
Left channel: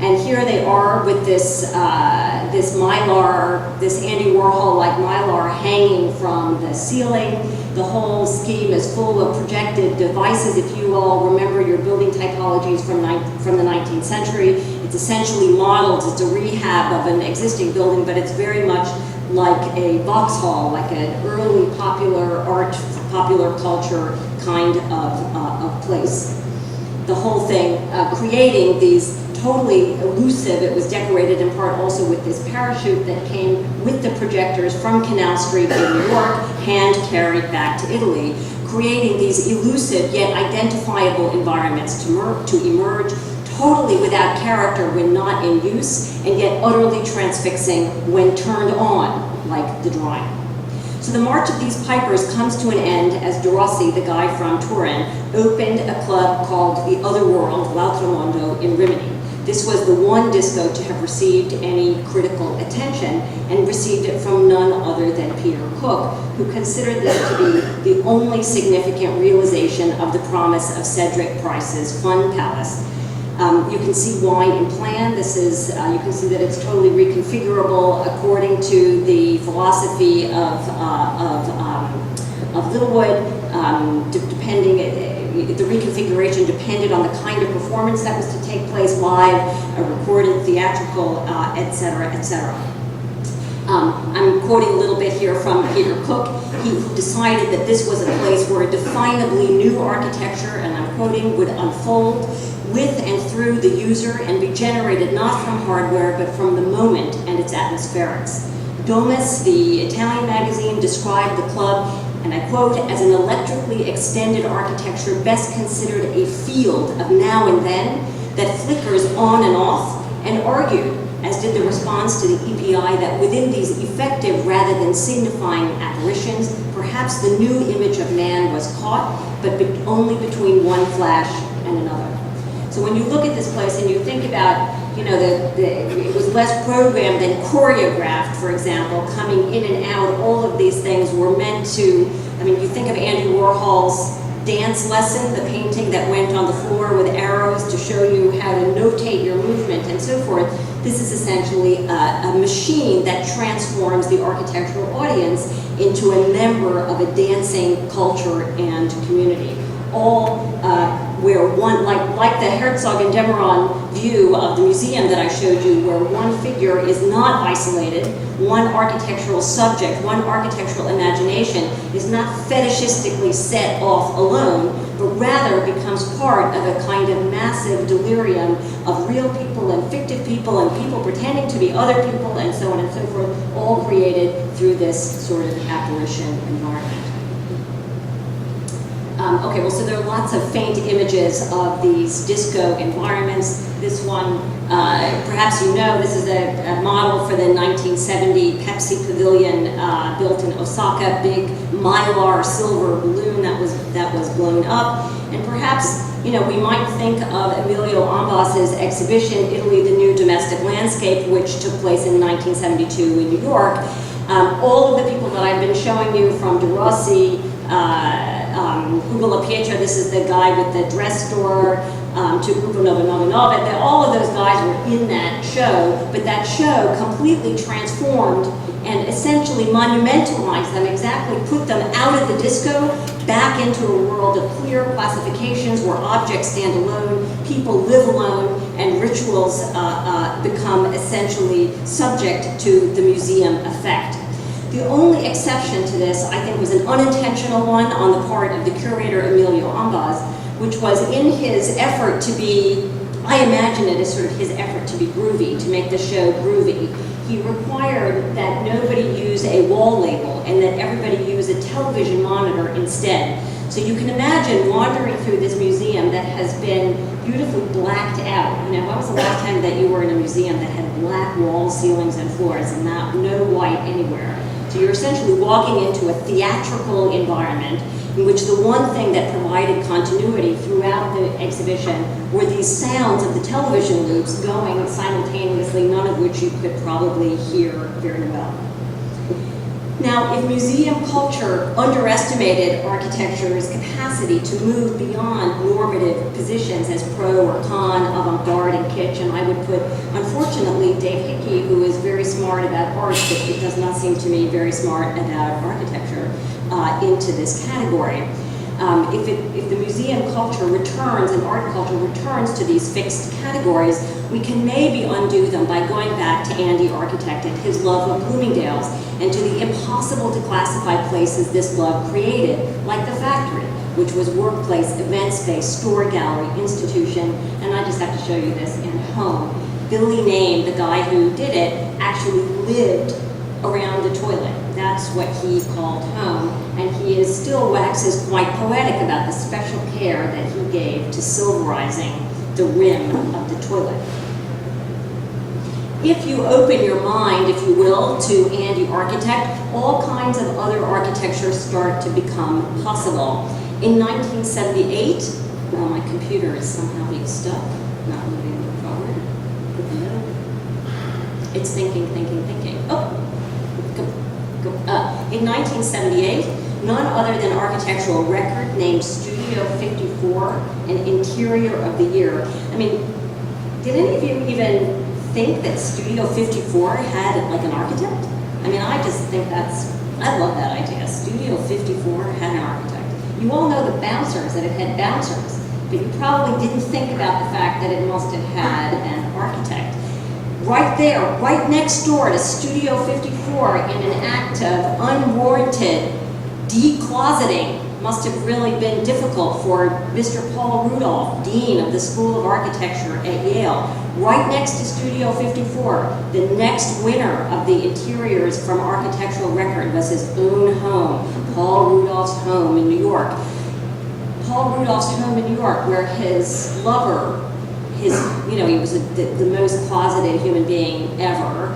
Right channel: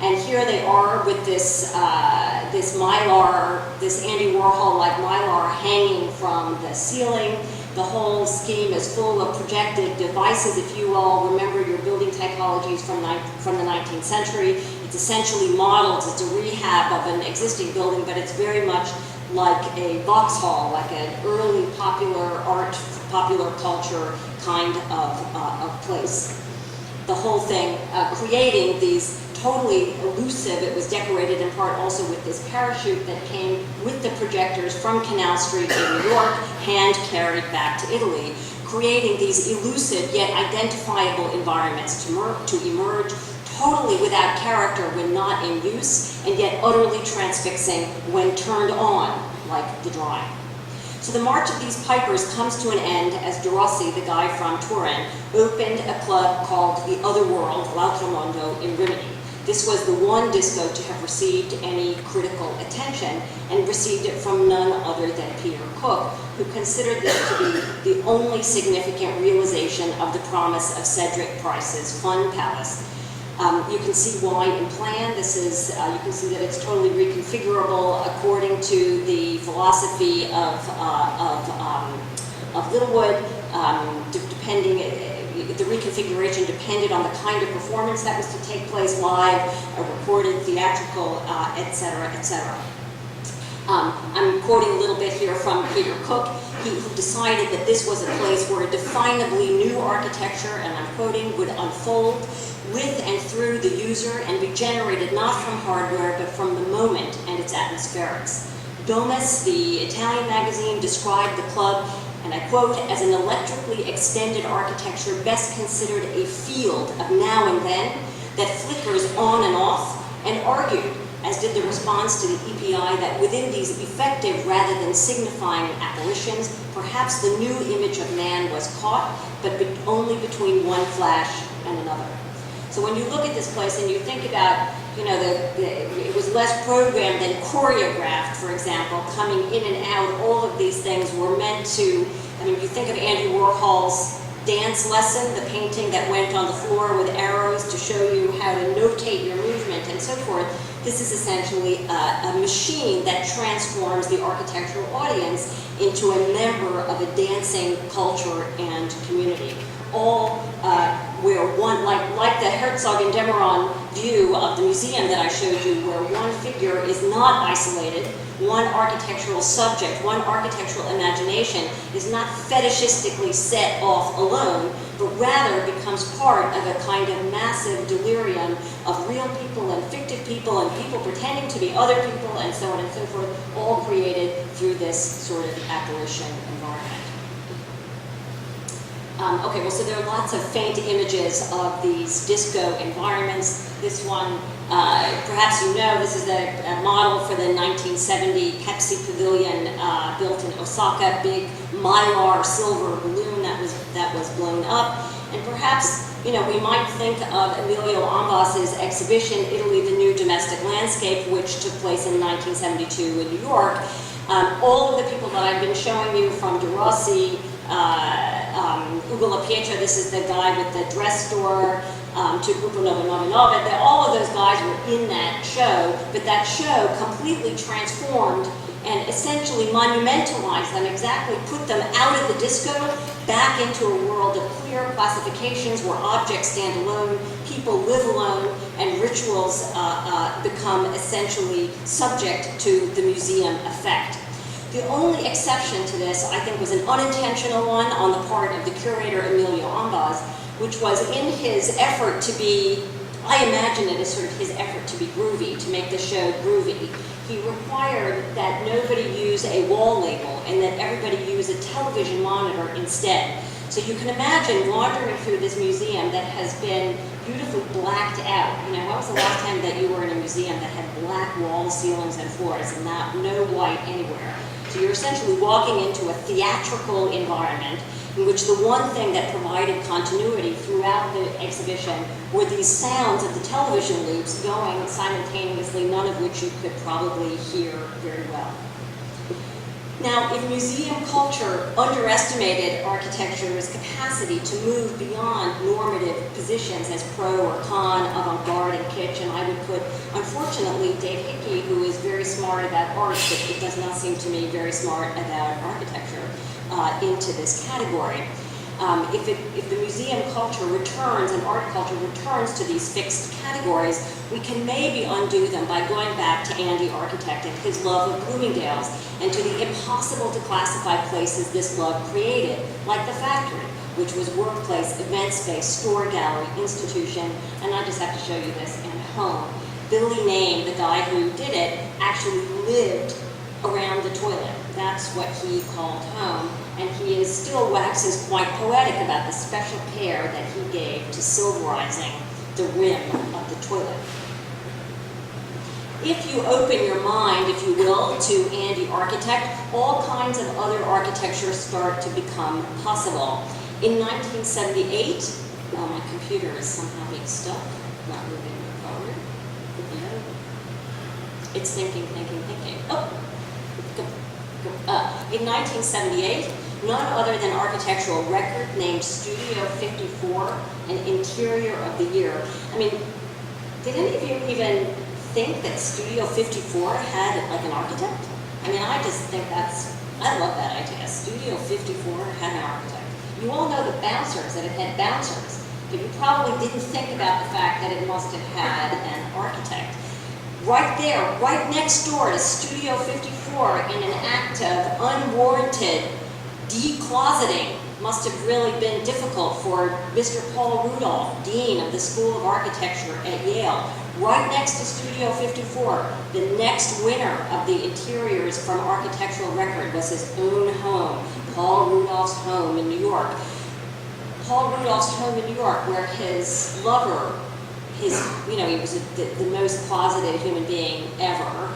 And here they are with this Mylar, this Andy Warhol-like Mylar hanging from the ceiling. The whole scheme is full of projected devices. If you all remember your building typologies from the 19th century, it's essentially modeled. It's a rehab of an existing building, but it's very much like a Vauxhall, like an early popular art, popular culture kind of place. The whole thing creating these totally elusive. It was decorated in part also with this parachute that came with the projectors from Canal Street in New York, hand carried back to Italy, creating these elusive yet identifiable environments to emerge totally without character when not in use, and yet utterly transfixing when turned on, like the drawing. So the march of these pipers comes to an end as De Rossi, the guy from Turin, opened a club called The Other World, L'Altro Mondo, in Rimini. This was the one disco to have received any critical attention, and received it from none other than Peter Cook, who considered this to be the only significant realization of the promise of Cedric Price's Fun Palace. You can see why in plan. This is, you can see that it's totally reconfigurable according to the philosophy of Littlewood, depending. The reconfiguration depended on the kind of performance that was to take place live, recorded, theatrical, etc., etc. I'm quoting a little bit here from Peter Cook. He decided that this was a place where a definably new architecture, and I'm quoting, would unfold with and through the user and be generated not from hardware, but from the moment and its atmospherics. Domus, the Italian magazine, described the club, and I quote, as an electrically extended architecture best considered a field of now and then that flickers on and off, and argued, as did the response to the EPI, that within these effective rather than signifying apparitions, perhaps the new image of man was caught, but only between one flash and another. So when you look at this place and you think about, it was less programmed than choreographed, for example, coming in and out, all of these things were meant to, you think of Andy Warhol's dance lesson, the painting that went on the floor with arrows to show you how to notate your movement and so forth. This is essentially a machine that transforms the architectural audience into a member of a dancing culture and community. All where one, like the Herzog and Demeron view of the museum that I showed you, where one figure is not isolated, one architectural subject, one architectural imagination is not fetishistically set off alone, but rather becomes part of a kind of massive delirium of real people and fictive people and people pretending to be other people and so on and so forth, all created through this sort of apparition environment. Okay, well, so there are lots of faint images of these disco environments. This one, perhaps you know, this is a model for the 1970 Pepsi Pavilion built in Osaka, big mylar silver balloon that was blown up. And perhaps, you know, we might think of Emilio Ambas's exhibition, Italy, the New Domestic Landscape, which took place in 1972 in New York. All of the people that I've been showing you, from De Rossi, Ugo La Pietra, this is the guy with the dress store, to Gruppo 999, all of those guys were in that show, but that show completely transformed and essentially monumentalized them, exactly put them out of the disco, back into a world of clear classifications where objects stand alone, people live alone, and rituals become essentially subject to the museum effect. The only exception to this, I think, was an unintentional one on the part of the curator, Emilio Ambas, which was in his effort to be, I imagine it as sort of his effort to be groovy, to make the show groovy. He required that nobody use a wall label and that everybody use a television monitor instead. So you can imagine wandering through this museum that has been beautifully blacked out. You know, when was the last time that you were in a museum that had black walls, ceilings, and floors and no light anywhere? So you're essentially walking into a theatrical environment in which the one thing that provided continuity throughout the exhibition were these sounds of the television loops going simultaneously, none of which you could probably hear very well. Now, if museum culture underestimated architecture's capacity to move beyond normative positions as pro or con, avant-garde and kitsch, and I would put, unfortunately, Dave Hickey, who is very smart about art, but it does not seem to me very smart about architecture, into this category. If the museum culture returns and art culture returns to these fixed categories, we can maybe undo them by going back to Andy Architect and his love of Bloomingdale's and to the impossible to classify places this love created, like the factory, which was workplace, event space, store gallery, institution, and I just have to show you this, and home. Billy Name, the guy who did it, actually lived around the toilet. That's what he called home, and he still waxes quite poetic about the special care that he gave to silverizing the rim of the toilet. If you open your mind, if you will, to Andy Architect, all kinds of other architecture start to become possible. In 1978, well, my computer is somehow being stuck, not moving forward. It's thinking. Oh. In 1978, none other than Architectural Record named Studio 54 an Interior of the Year. I mean, did any of you even think that Studio 54 had like an architect? I mean, I just think I love that idea. Studio 54 had an architect. You all know the bouncers, that it had bouncers, but you probably didn't think about the fact that it must have had an architect. Right there, right next door to Studio 54, in an act of unwarranted decloseting, must have really been difficult for Mr. Paul Rudolph, Dean of the School of Architecture at Yale. Right next to Studio 54, the next winner of the interiors from Architectural Record was his own home, Paul Rudolph's home in New York. Paul Rudolph's home in New York, where his lover, he was the most closeted human being ever.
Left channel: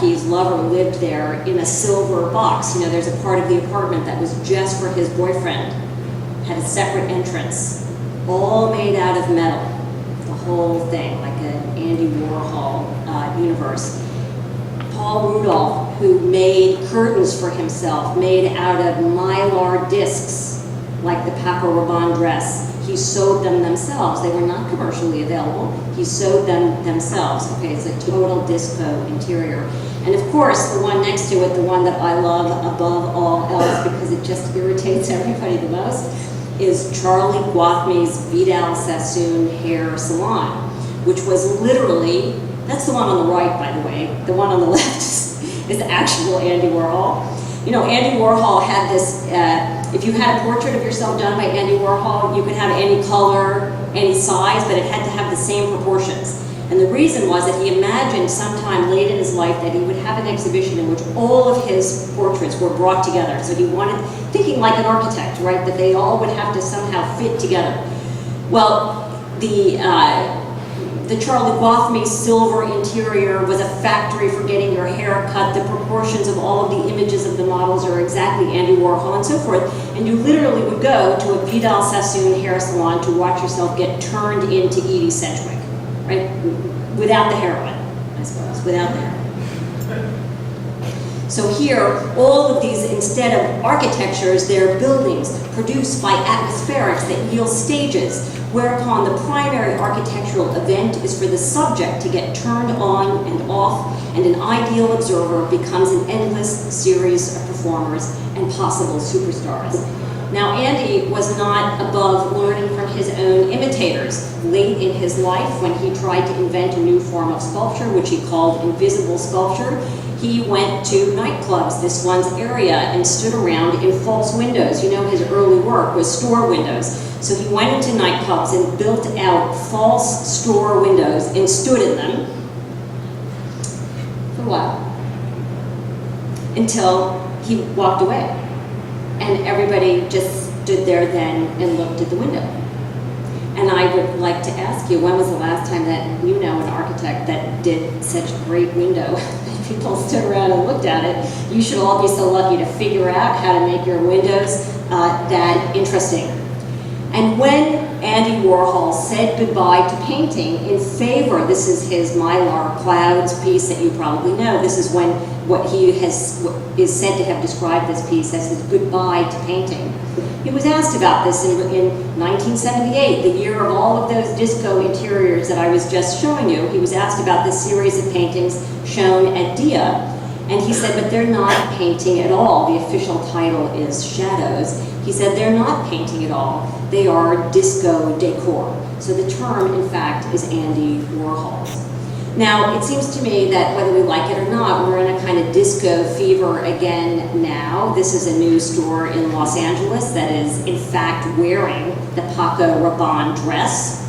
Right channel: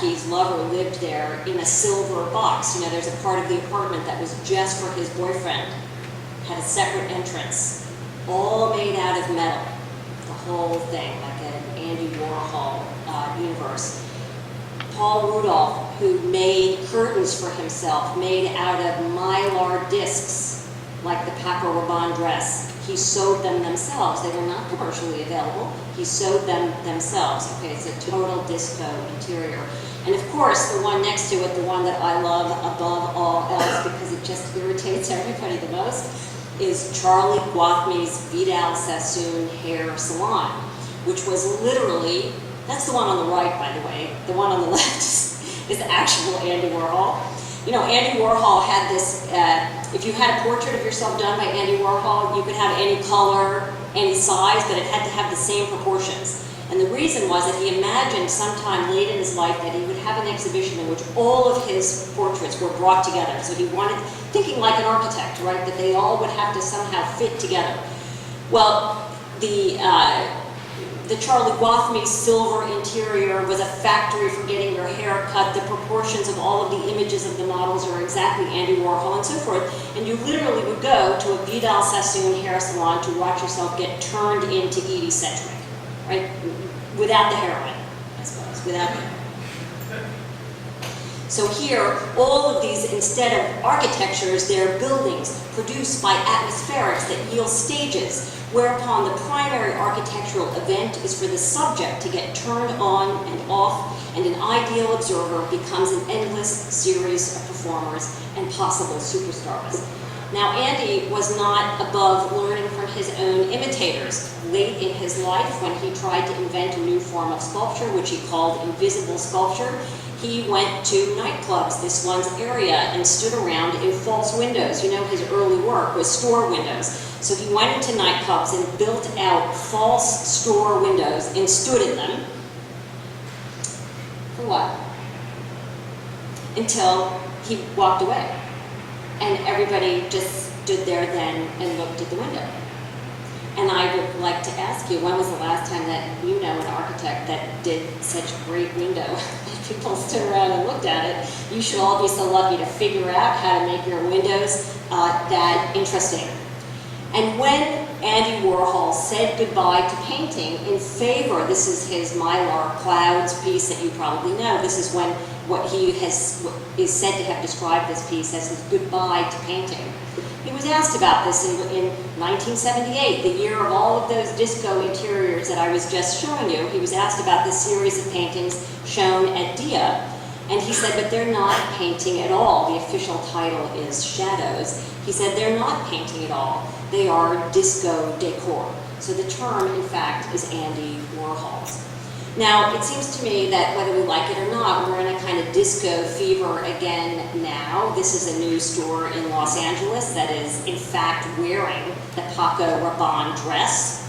His lover lived there in a silver box. You know, there's a part of the apartment that was just for his boyfriend, had a separate entrance, all made out of metal, the whole thing, like an Andy Warhol universe. Paul Rudolph, who made curtains for himself, made out of mylar discs, like the Paco Rabanne dress. He sewed them themselves. They were not commercially available. He sewed them themselves. Okay, it's a total disco interior. And of course, the one next to it, the one that I love above all else because it just irritates everybody the most, is Charlie Guathme's Vidal Sassoon Hair Salon, which was literally, that's the one on the right, by the way. The one on the left is actual Andy Warhol. You know, Andy Warhol had this, if you had a portrait of yourself done by Andy Warhol, you could have any color, any size, but it had to have the same proportions. And the reason was that he imagined sometime late in his life that he would have an exhibition in which all of his portraits were brought together. So he wanted, thinking like an architect, right, that they all would have to somehow fit together. Well, the Charlie Guathme silver interior was a factory for getting your hair cut. The proportions of all of the images of the models are exactly Andy Warhol and so forth. And you literally would go to a Vidal Sassoon hair salon to watch yourself get turned into Edie Sedgwick, right? Without the heroin, I suppose, without the heroin. So here, all of these, instead of architectures, they're buildings produced by atmospherics that yield stages, whereupon the primary architectural event is for the subject to get turned on and off, and an ideal observer becomes an endless series of performers and possible superstars. Now, Andy was not above learning from his own imitators. Late in his life, when he tried to invent a new form of sculpture, which he called invisible sculpture, he went to nightclubs, this one's area, and stood around in false windows. You know, his early work was store windows. So he went into nightclubs and built out false store windows and stood in them. For what? Until he walked away. And everybody just stood there then and looked at the window. And I would like to ask you, when was the last time that you know an architect that did such a great window? People stood around and looked at it. You should all be so lucky to figure out how to make your windows that interesting. And when Andy Warhol said goodbye to painting in favor, this is his Mylar Clouds piece that you probably know, this is when what is said to have described this piece as his goodbye to painting. He was asked about this in 1978, the year of all of those disco interiors that I was just showing you. He was asked about this series of paintings shown at DIA, and he said, but they're not painting at all. The official title is Shadows. He said, they're not painting at all. They are disco decor. So the term, in fact, is Andy Warhol's. Now, it seems to me that whether we like it or not, we're in a kind of disco fever again now. This is a new store in Los Angeles that is, in fact, wearing the Paco Rabanne dress.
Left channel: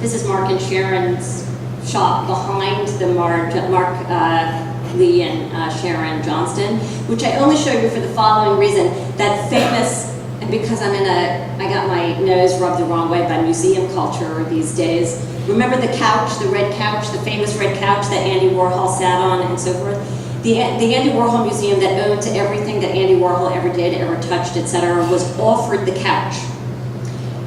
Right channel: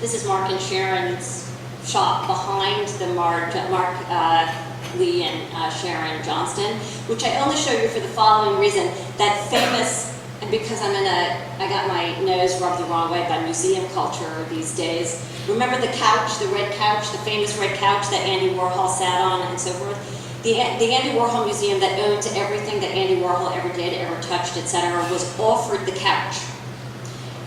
This is Mark and Sharon's shop behind the Mark Lee and Sharon Johnston, which I only show you for the following reason. That famous, and because I got my nose rubbed the wrong way by museum culture these days. Remember the couch, the red couch, the famous red couch that Andy Warhol sat on and so forth? The Andy Warhol Museum that owns everything that Andy Warhol ever did, ever touched, etc., was offered the couch.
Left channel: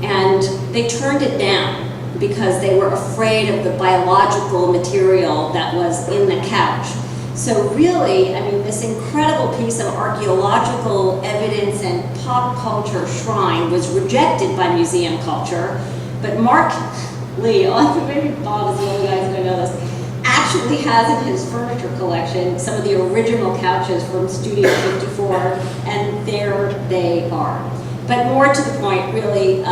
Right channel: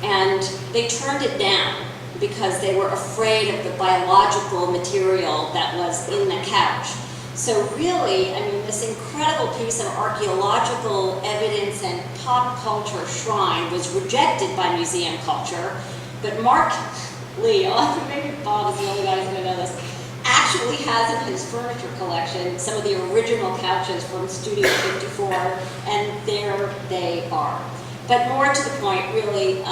And they turned it down because they were afraid of the biological material that was in the couch. So really, I mean, this incredible piece of archaeological evidence and pop culture shrine was rejected by museum culture, but Mark Lee, maybe Bob is the only guy who's going to know this, actually has in his furniture collection some of the original couches from Studio 54, and there they are. But more to the point, really,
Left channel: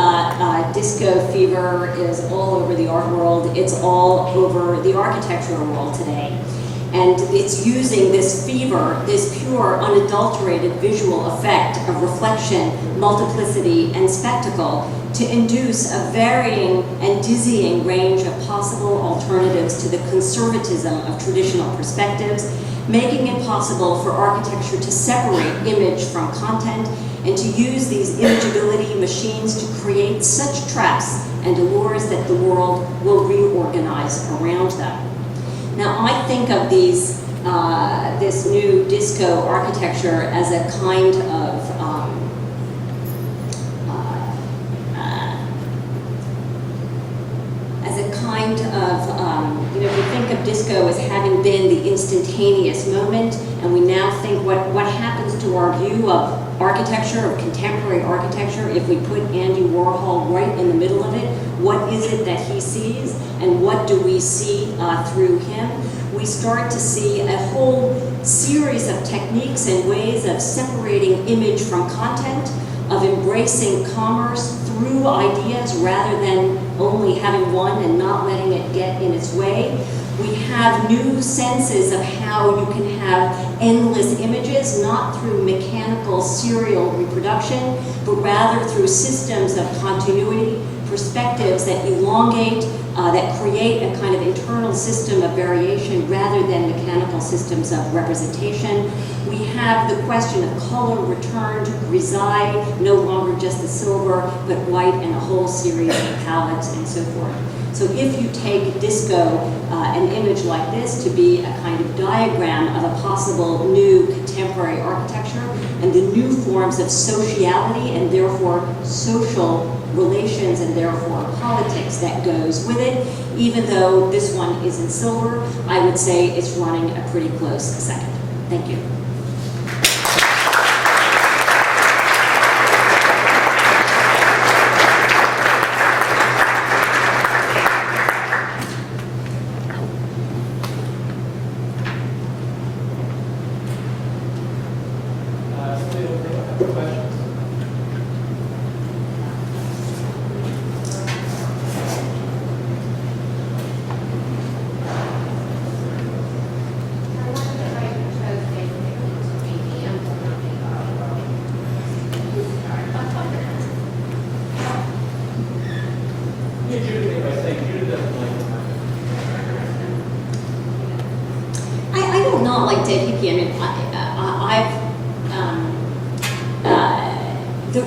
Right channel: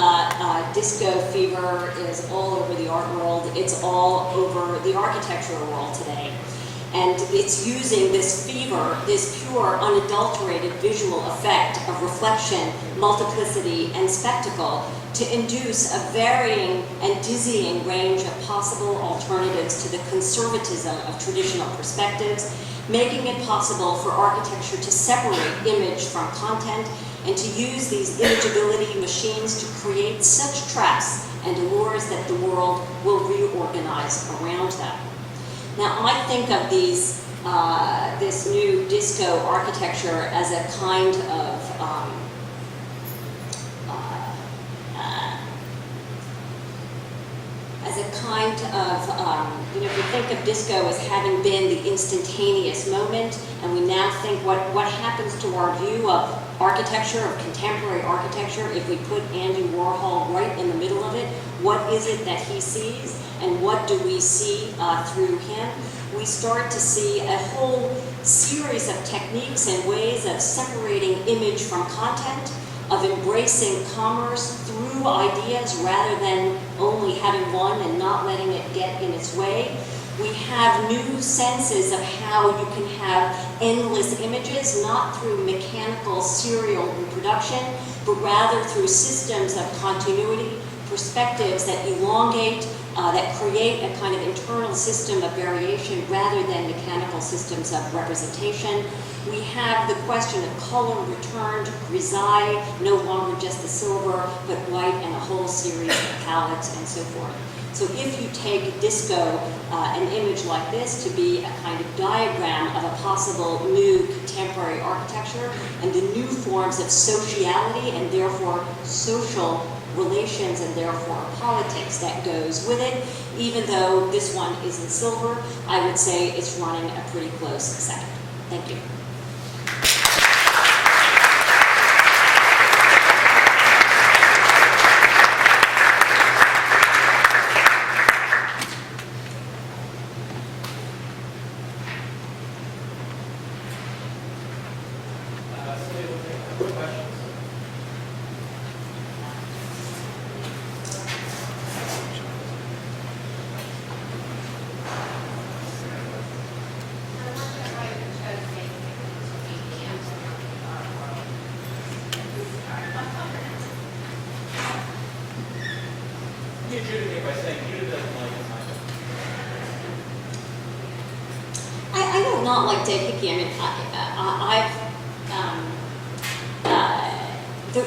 disco fever is all over the art world. It's all over the architectural world today. And it's using this fever, this pure, unadulterated visual effect of reflection, multiplicity, and spectacle to induce a varying and dizzying range of possible alternatives to the conservatism of traditional perspectives, making it possible for architecture to separate image from content and to use these imageability machines to create such traps and allures that the world will reorganize around them. Now, I think of these, this new disco architecture as a kind of you know, if you think of disco as having been the instantaneous moment, and we now think what happens to our view of architecture, of contemporary architecture, if we put Andy Warhol right in the middle of it, what is it that he sees, and what do we see through him? We start to see a whole series of techniques and ways of separating image from content, of embracing commerce through ideas rather than only having one and not letting it get in its way. We have new senses of how you can have endless images, not through mechanical serial reproduction, but rather through systems of continuity, perspectives that elongate, that create a kind of internal system of variation rather than mechanical systems of representation. We have the question of color returned, grisaille, no longer just the silver, but white and a whole series of palettes and so forth. So if you take disco, an image like this, to be a kind of diagram of a possible new contemporary architecture and the new forms of sociality and therefore social relations and therefore politics that goes with it, even though this one is in silver, I would say it's running a pretty close second. Thank you. I do not like Dave Hickey. I mean,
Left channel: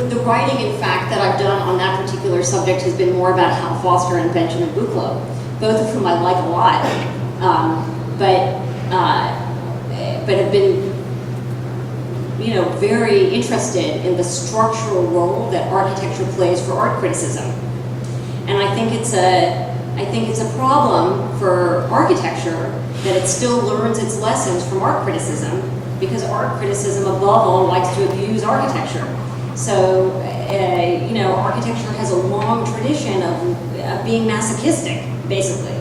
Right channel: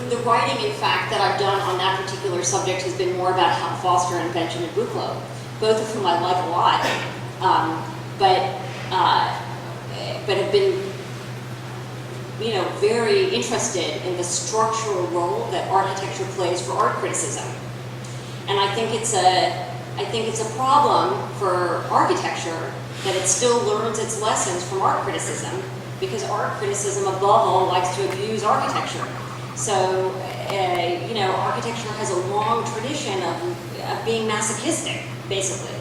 the writing, in fact, that I've done on that particular subject has been more about Hal Foster and Benjamin Buchloh, both of whom I like a lot, but have been, you know, very interested in the structural role that architecture plays for art criticism. And I think it's a problem for architecture that it still learns its lessons from art criticism, because art criticism above all likes to abuse architecture. So, you know, architecture has a long tradition of being masochistic, basically.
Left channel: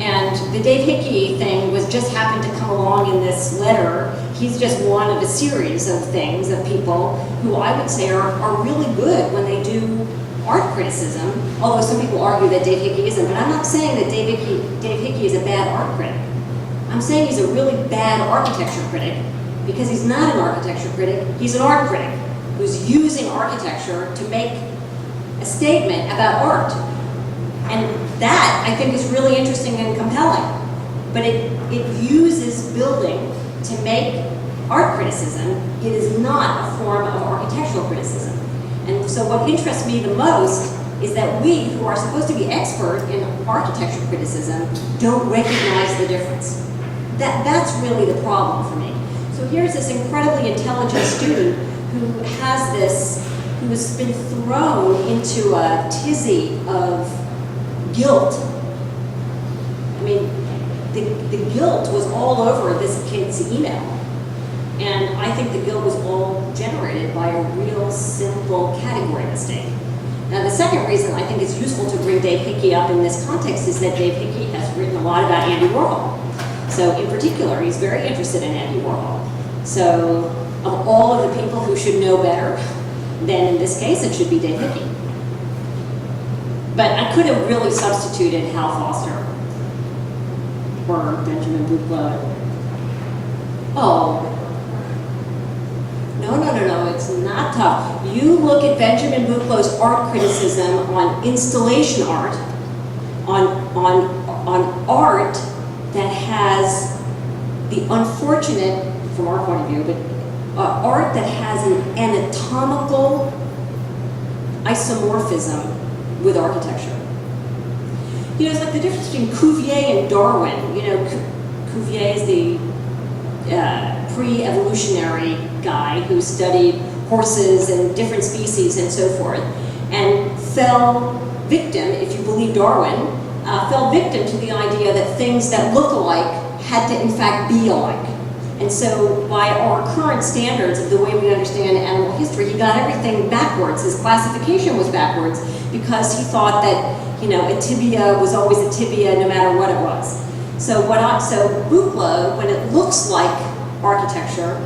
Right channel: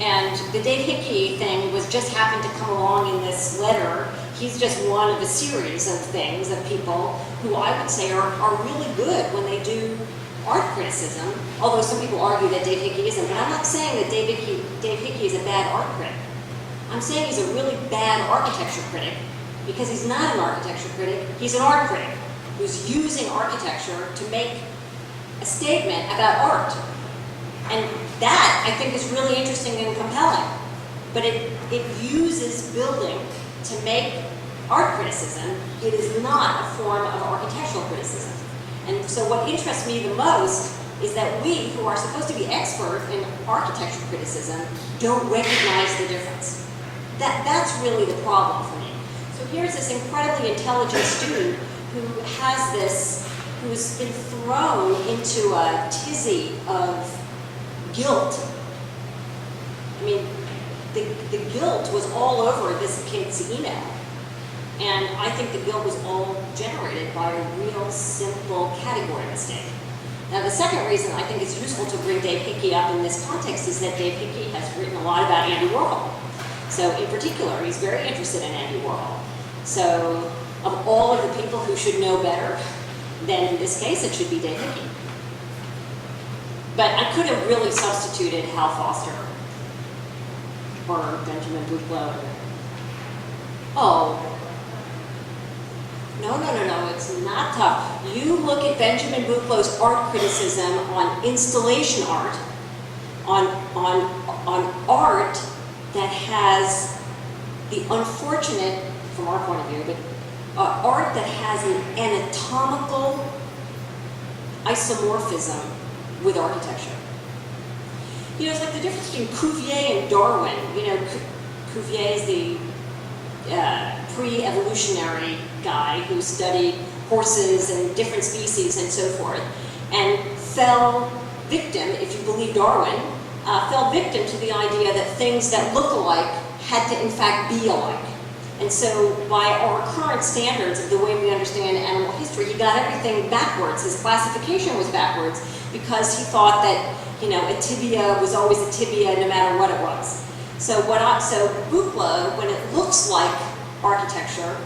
And the Dave Hickey thing was just happened to come along in this letter. He's just one of a series of things, of people who I would say are really good when they do art criticism, although some people argue that Dave Hickey isn't. But I'm not saying that Dave Hickey is a bad art critic. I'm saying he's a really bad architecture critic, because he's not an architecture critic, he's an art critic who's using architecture to make a statement about art. And that, I think, is really interesting and compelling. But it uses building to make art criticism. It is not a form of architectural criticism. And so what interests me the most is that we, who are supposed to be expert in architecture criticism, don't recognize the difference. That's really the problem for me. So here's this incredibly intelligent student who has been thrown into a tizzy of guilt. I mean, the guilt was all over this kid's email. And I think the guilt was all generated by a real simple category mistake. Now, the second reason I think it's useful to bring Dave Hickey up in this context is that Dave Hickey has written a lot about Andy Warhol. So in particular, he's very interested in Andy Warhol. So of all of the people who should know better, then in this case, it should be Dave Hickey. But I could have really substituted Hal Foster or Benjamin Buchloh. Oh. No, it's not tough. You look at Benjamin Buchloh's art criticism on installation art, on art that has the unfortunate, from our point of view, but art that has an anatomical isomorphism with architecture. You know, it's like the difference between Cuvier and Darwin. You know, Cuvier is the pre-evolutionary guy who studied horses and different species and so forth, and fell victim, if you believe Darwin, fell victim to the idea that things that look alike had to in fact be alike. And so by our current standards of the way we understand animal history, he got everything backwards. His classification was backwards because he thought that, you know, a tibia was always a tibia no matter what it was. So Buchloh, when it looks like architecture,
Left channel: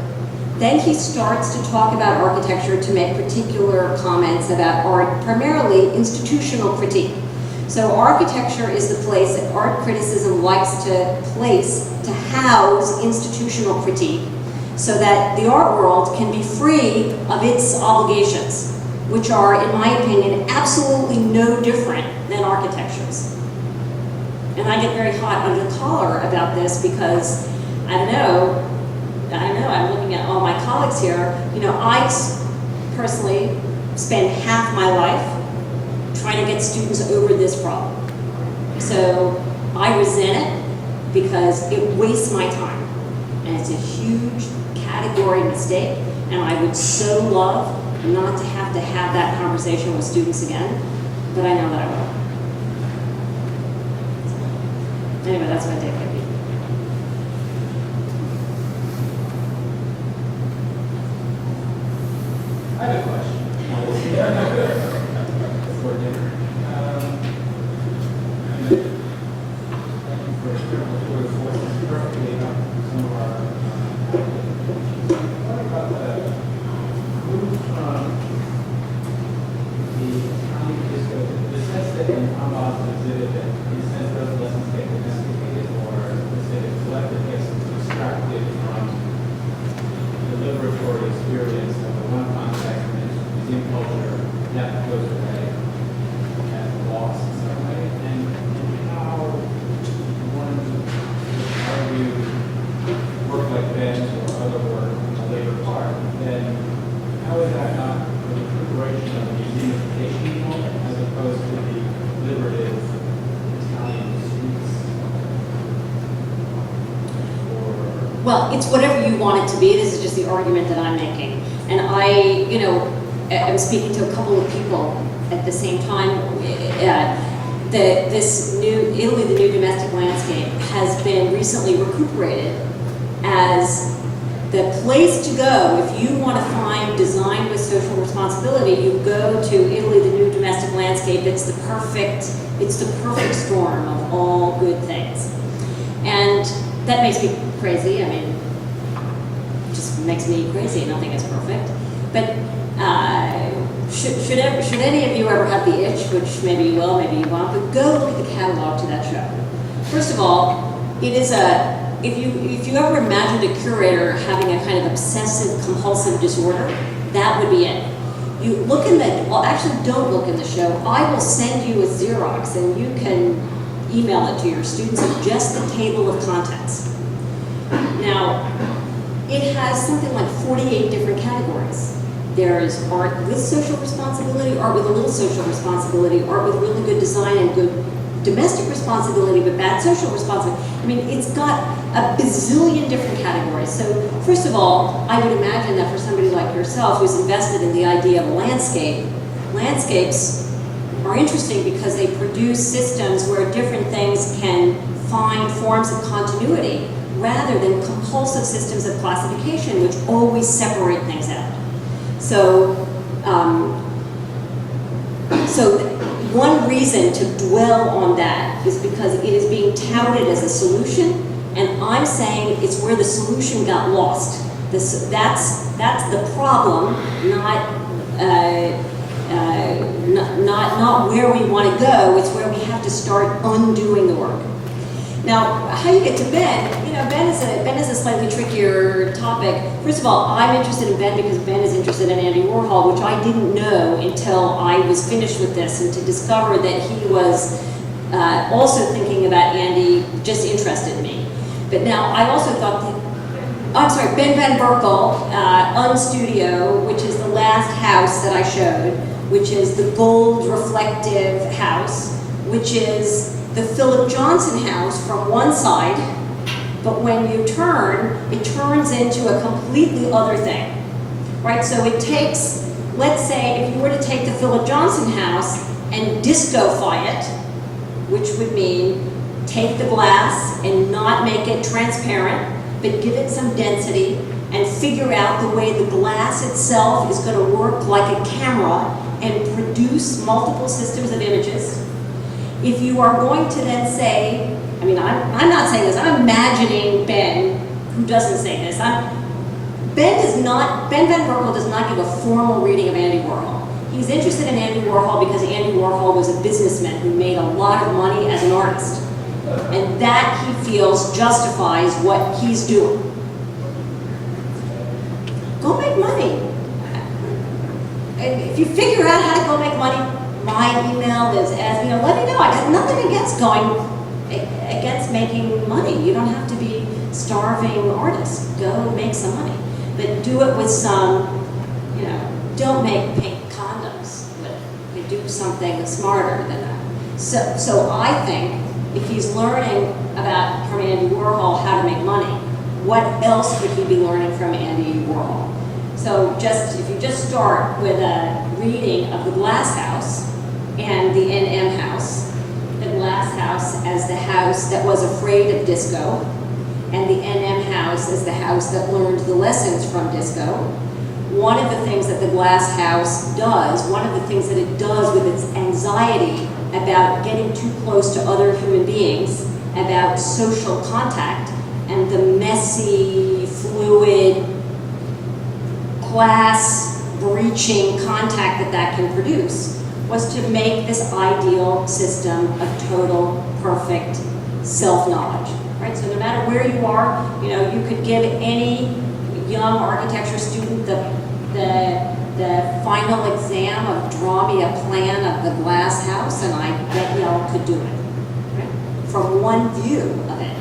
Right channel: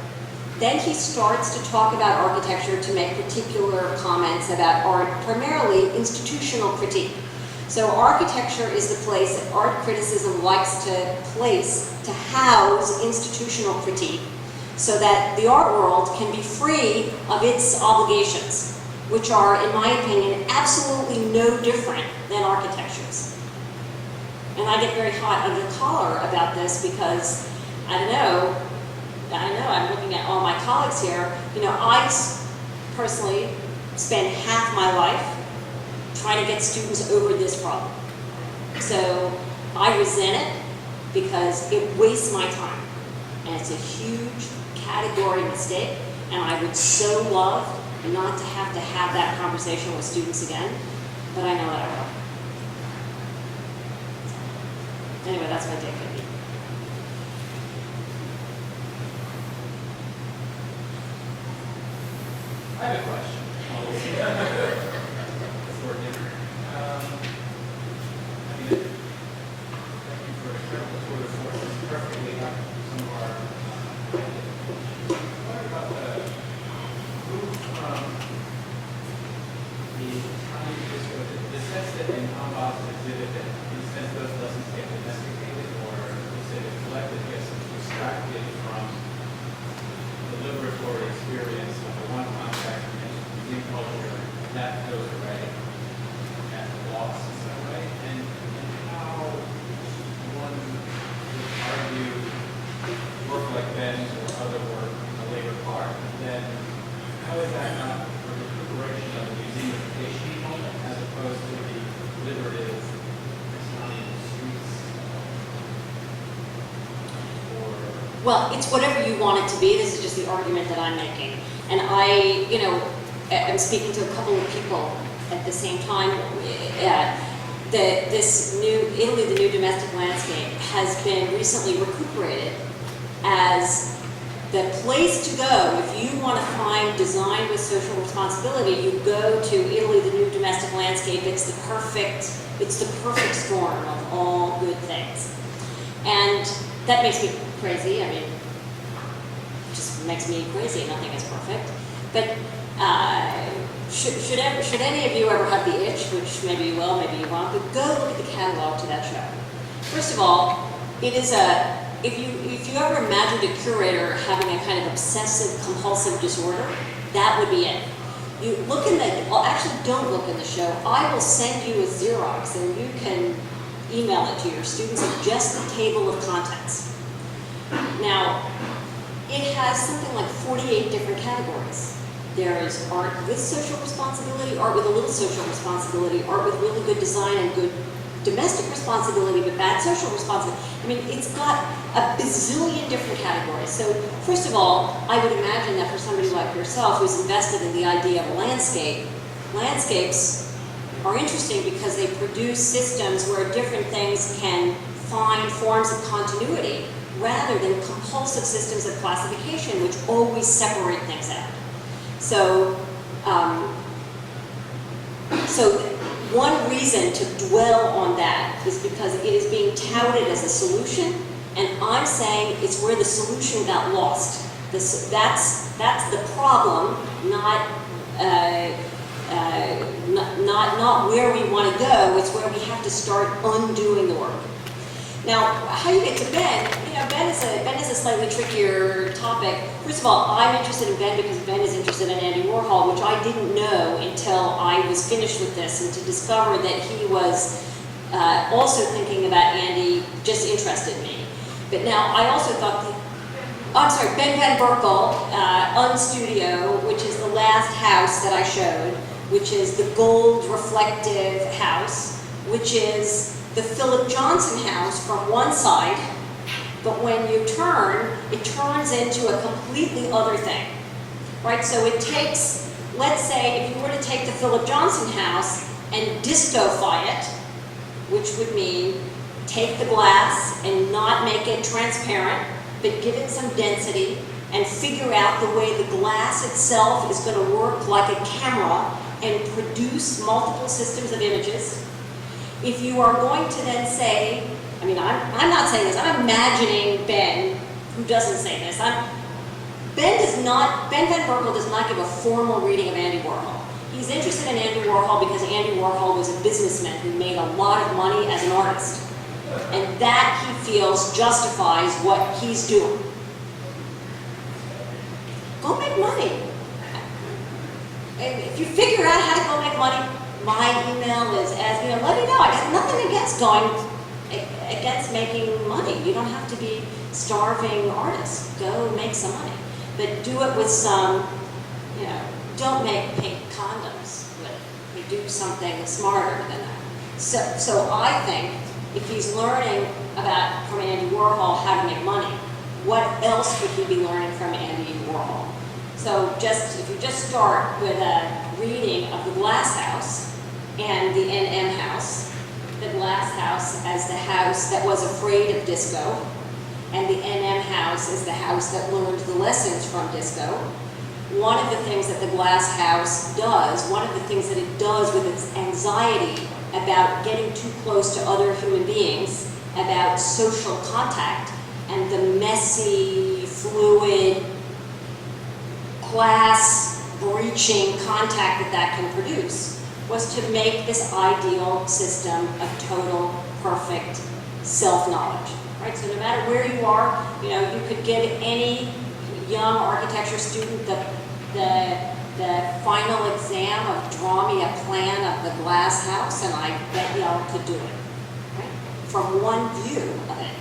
Then he starts to talk about architecture to make particular comments about art, primarily institutional critique. So architecture is the place that art criticism likes to place to house institutional critique so that the art world can be free of its obligations, which are, in my opinion, absolutely no different than architecture's. And I get very hot under the collar about this because I know, I'm looking at all my colleagues here, I personally spend half my life trying to get students over this problem. So I resent it because it wastes my time. And it's a huge category mistake, and I would so love not to have that conversation with students again, but I know that I will. Anyway, that's my take. I have a question. For dinner. For the forces perfectly up some of our what about the move from the Italian disco, the sense that in Hamas exhibit that in a sense those lessons get domesticated, or let's say the collective gets abstracted from the liberatory experience of the one context in culture that goes away, that lost in some way, and how one would argue work like Ben's or other work on the later part, then how is that not a recuperation of the museumification moment as opposed to the liberative Italian streets? Well, it's whatever you want it to be. This is just the argument that I'm making. And I'm speaking to a couple of people at the same time. This new Italy, the new domestic landscape, has been recently recuperated as the place to go if you want to find design with social responsibility. You go to Italy, the new domestic landscape. It's the perfect storm of all good things, and that makes me crazy. I mean, it just makes me crazy. Nothing is perfect, but. Should any of you ever have the itch, which maybe you will, maybe you won't, but go look at the catalog to that show. First of all, it is if you ever imagined a curator having a kind of obsessive compulsive disorder, that would be it. You look in actually don't look in the show. I will send you a Xerox and you can email it to your students of just the table of contents. Now, it has something like 48 different categories. There is art with social responsibility, art with a little social responsibility, art with really good design and good domestic responsibility, but bad social responsibility. I mean, it's got a bazillion different categories. So first of all, I would imagine that for somebody like yourself who's invested in the idea of a landscape, landscapes are interesting because they produce systems where different things can find forms of continuity rather than compulsive systems of classification which always separate things out. So, one reason to dwell on that is because it is being touted as a solution, and I'm saying it's where the solution got lost. That's the problem, not where we want to go. It's where we have to start undoing the work. Now, how you get to Ben? Ben is a slightly trickier topic. First of all, I'm interested in Ben because Ben is interested in Andy Warhol, which I didn't know until I was finished with this, and to discover that he was also thinking about Andy just interested me. But now I also thought Ben Van Berkel, Unstudio, which is the last house that I showed, which is the gold reflective house, which is the Philip Johnson house from one side, but when you turn, it turns into a completely other thing, right? So it takes, let's say, if you were to take the Philip Johnson house and distofy it, which would mean take the glass and not make it transparent, but give it some density and figure out the way the glass itself is going to work like a camera and produce multiple systems of images. If you are going to then say, I mean, I'm not saying this, I'm imagining Ben, who doesn't say this, Ben Van Berkel does not give a formal reading of Andy Warhol. He's interested in Andy Warhol because Andy Warhol was a businessman who made a lot of money as an artist. And that, he feels, justifies what he's doing. Go make money. And if you figure out how to go make money, my email is, let me know. I got nothing against making money. You don't have to be starving artists. Go make some money. But do it with some, don't make pink condoms. But do something smarter than that. So I think if he's learning from Andy Warhol how to make money, what else could he be learning from Andy Warhol? So if you just start with a reading of the Glass House and the NM House, the Glass House as the house that was afraid of disco, and the NM House as the house that learned the lessons from disco. One of the things that the Glass House does, one of the things that it does with its anxiety about getting too close to other human beings, about social contact, and the messy, fluid, class-breaching contact that can produce, was to make this ideal system of total, perfect self-knowledge. Right? So no matter where you are, you could give any young architecture student the final exam of draw me a plan of the Glass House, and I bet y'all could do it. Right? From one view of it.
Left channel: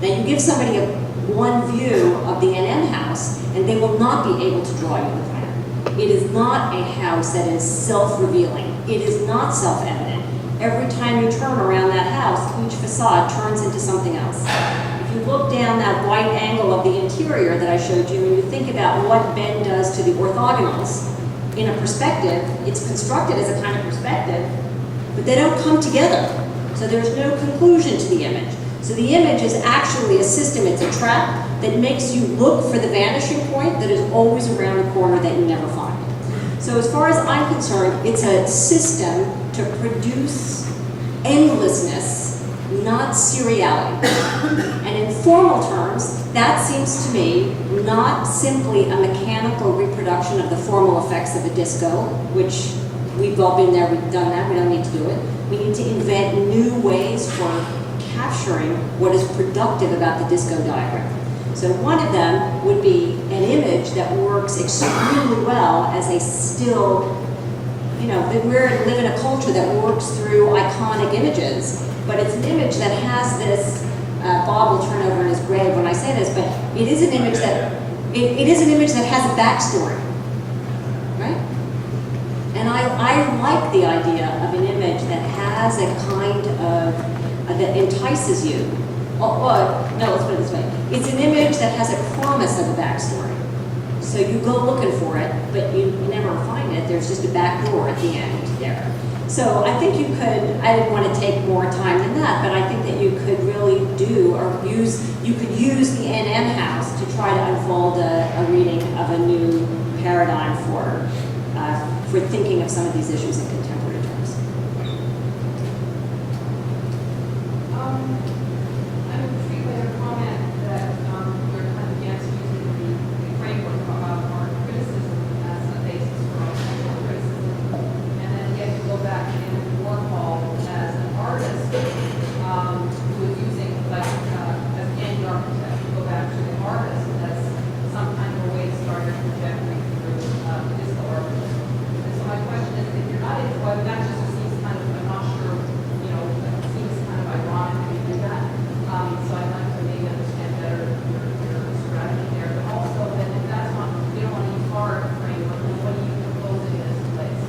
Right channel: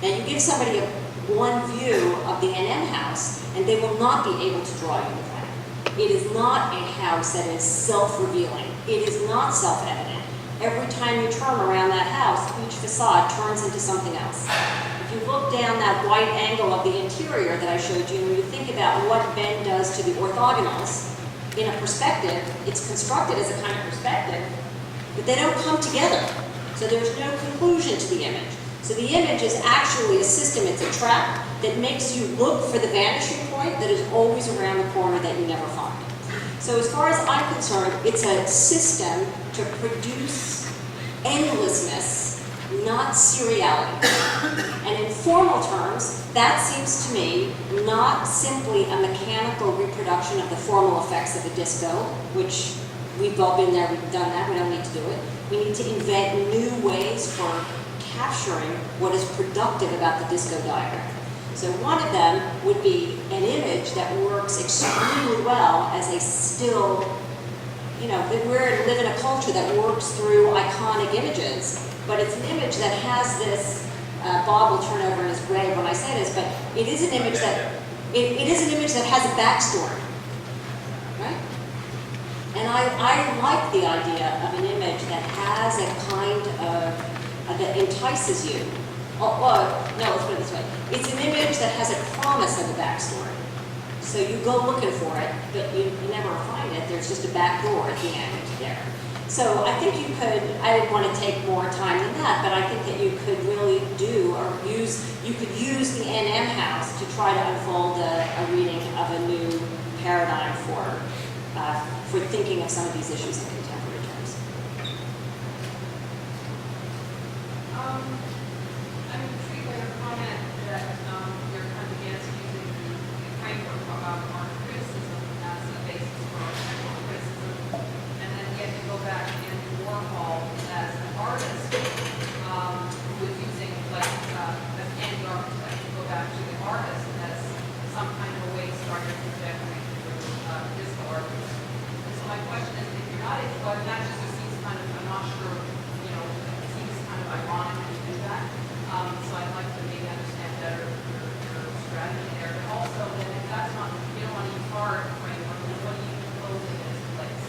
Then you give somebody one view of the NM House, and they will not be able to draw you the plan. It is not a house that is self-revealing. It is not self-evident. Every time you turn around that house, each facade turns into something else. If you look down that white angle of the interior that I showed you, and you think about what Ben does to the orthogonals in a perspective, it's constructed as a kind of perspective, but they don't come together. So there's no conclusion to the image. So the image is actually a system, it's a trap that makes you look for the vanishing point that is always around the corner that you never find. So as far as I'm concerned, it's a system to produce endlessness, not seriality. And in formal terms, that seems to me not simply a mechanical reproduction of the formal effects of the disco, which we've all been there, we've done that, we don't need to do it. We need to invent new ways for capturing what is productive about the disco diagram. So one of them would be an image that works extremely well as a still, that we live in a culture that works through iconic images, but it's an image that has this, Bob will turn over in his grave when I say this, but it is an image that, it is an image that has a backstory, right? And I like the idea of an image that has a kind of, that entices you. No, let's put it this way. It's an image that has a promise of a backstory. So you go looking for it, but you never find it. There's just a back door at the end there. So I think you could, I didn't want to take more time than that, but I think that you could really you could use the NM House to try to unfold a reading of a new paradigm for thinking of some of these issues in contemporary terms. I'm intrigued by your comment that you're kind of against using the framework of art criticism as a basis for architectural criticism, and then yet you go back to Andy Warhol as an artist who is using, as Andy architect, you go back to the artist as some kind of a way to start your trajectory through disco architecture. And so my question is, if you're not into whether that just seems kind of, I'm not sure, it seems kind of ironic to do that. So I'd like to maybe understand better your strategy there, but also then if that's not, you don't want to use our framework, then what do you propose in its place?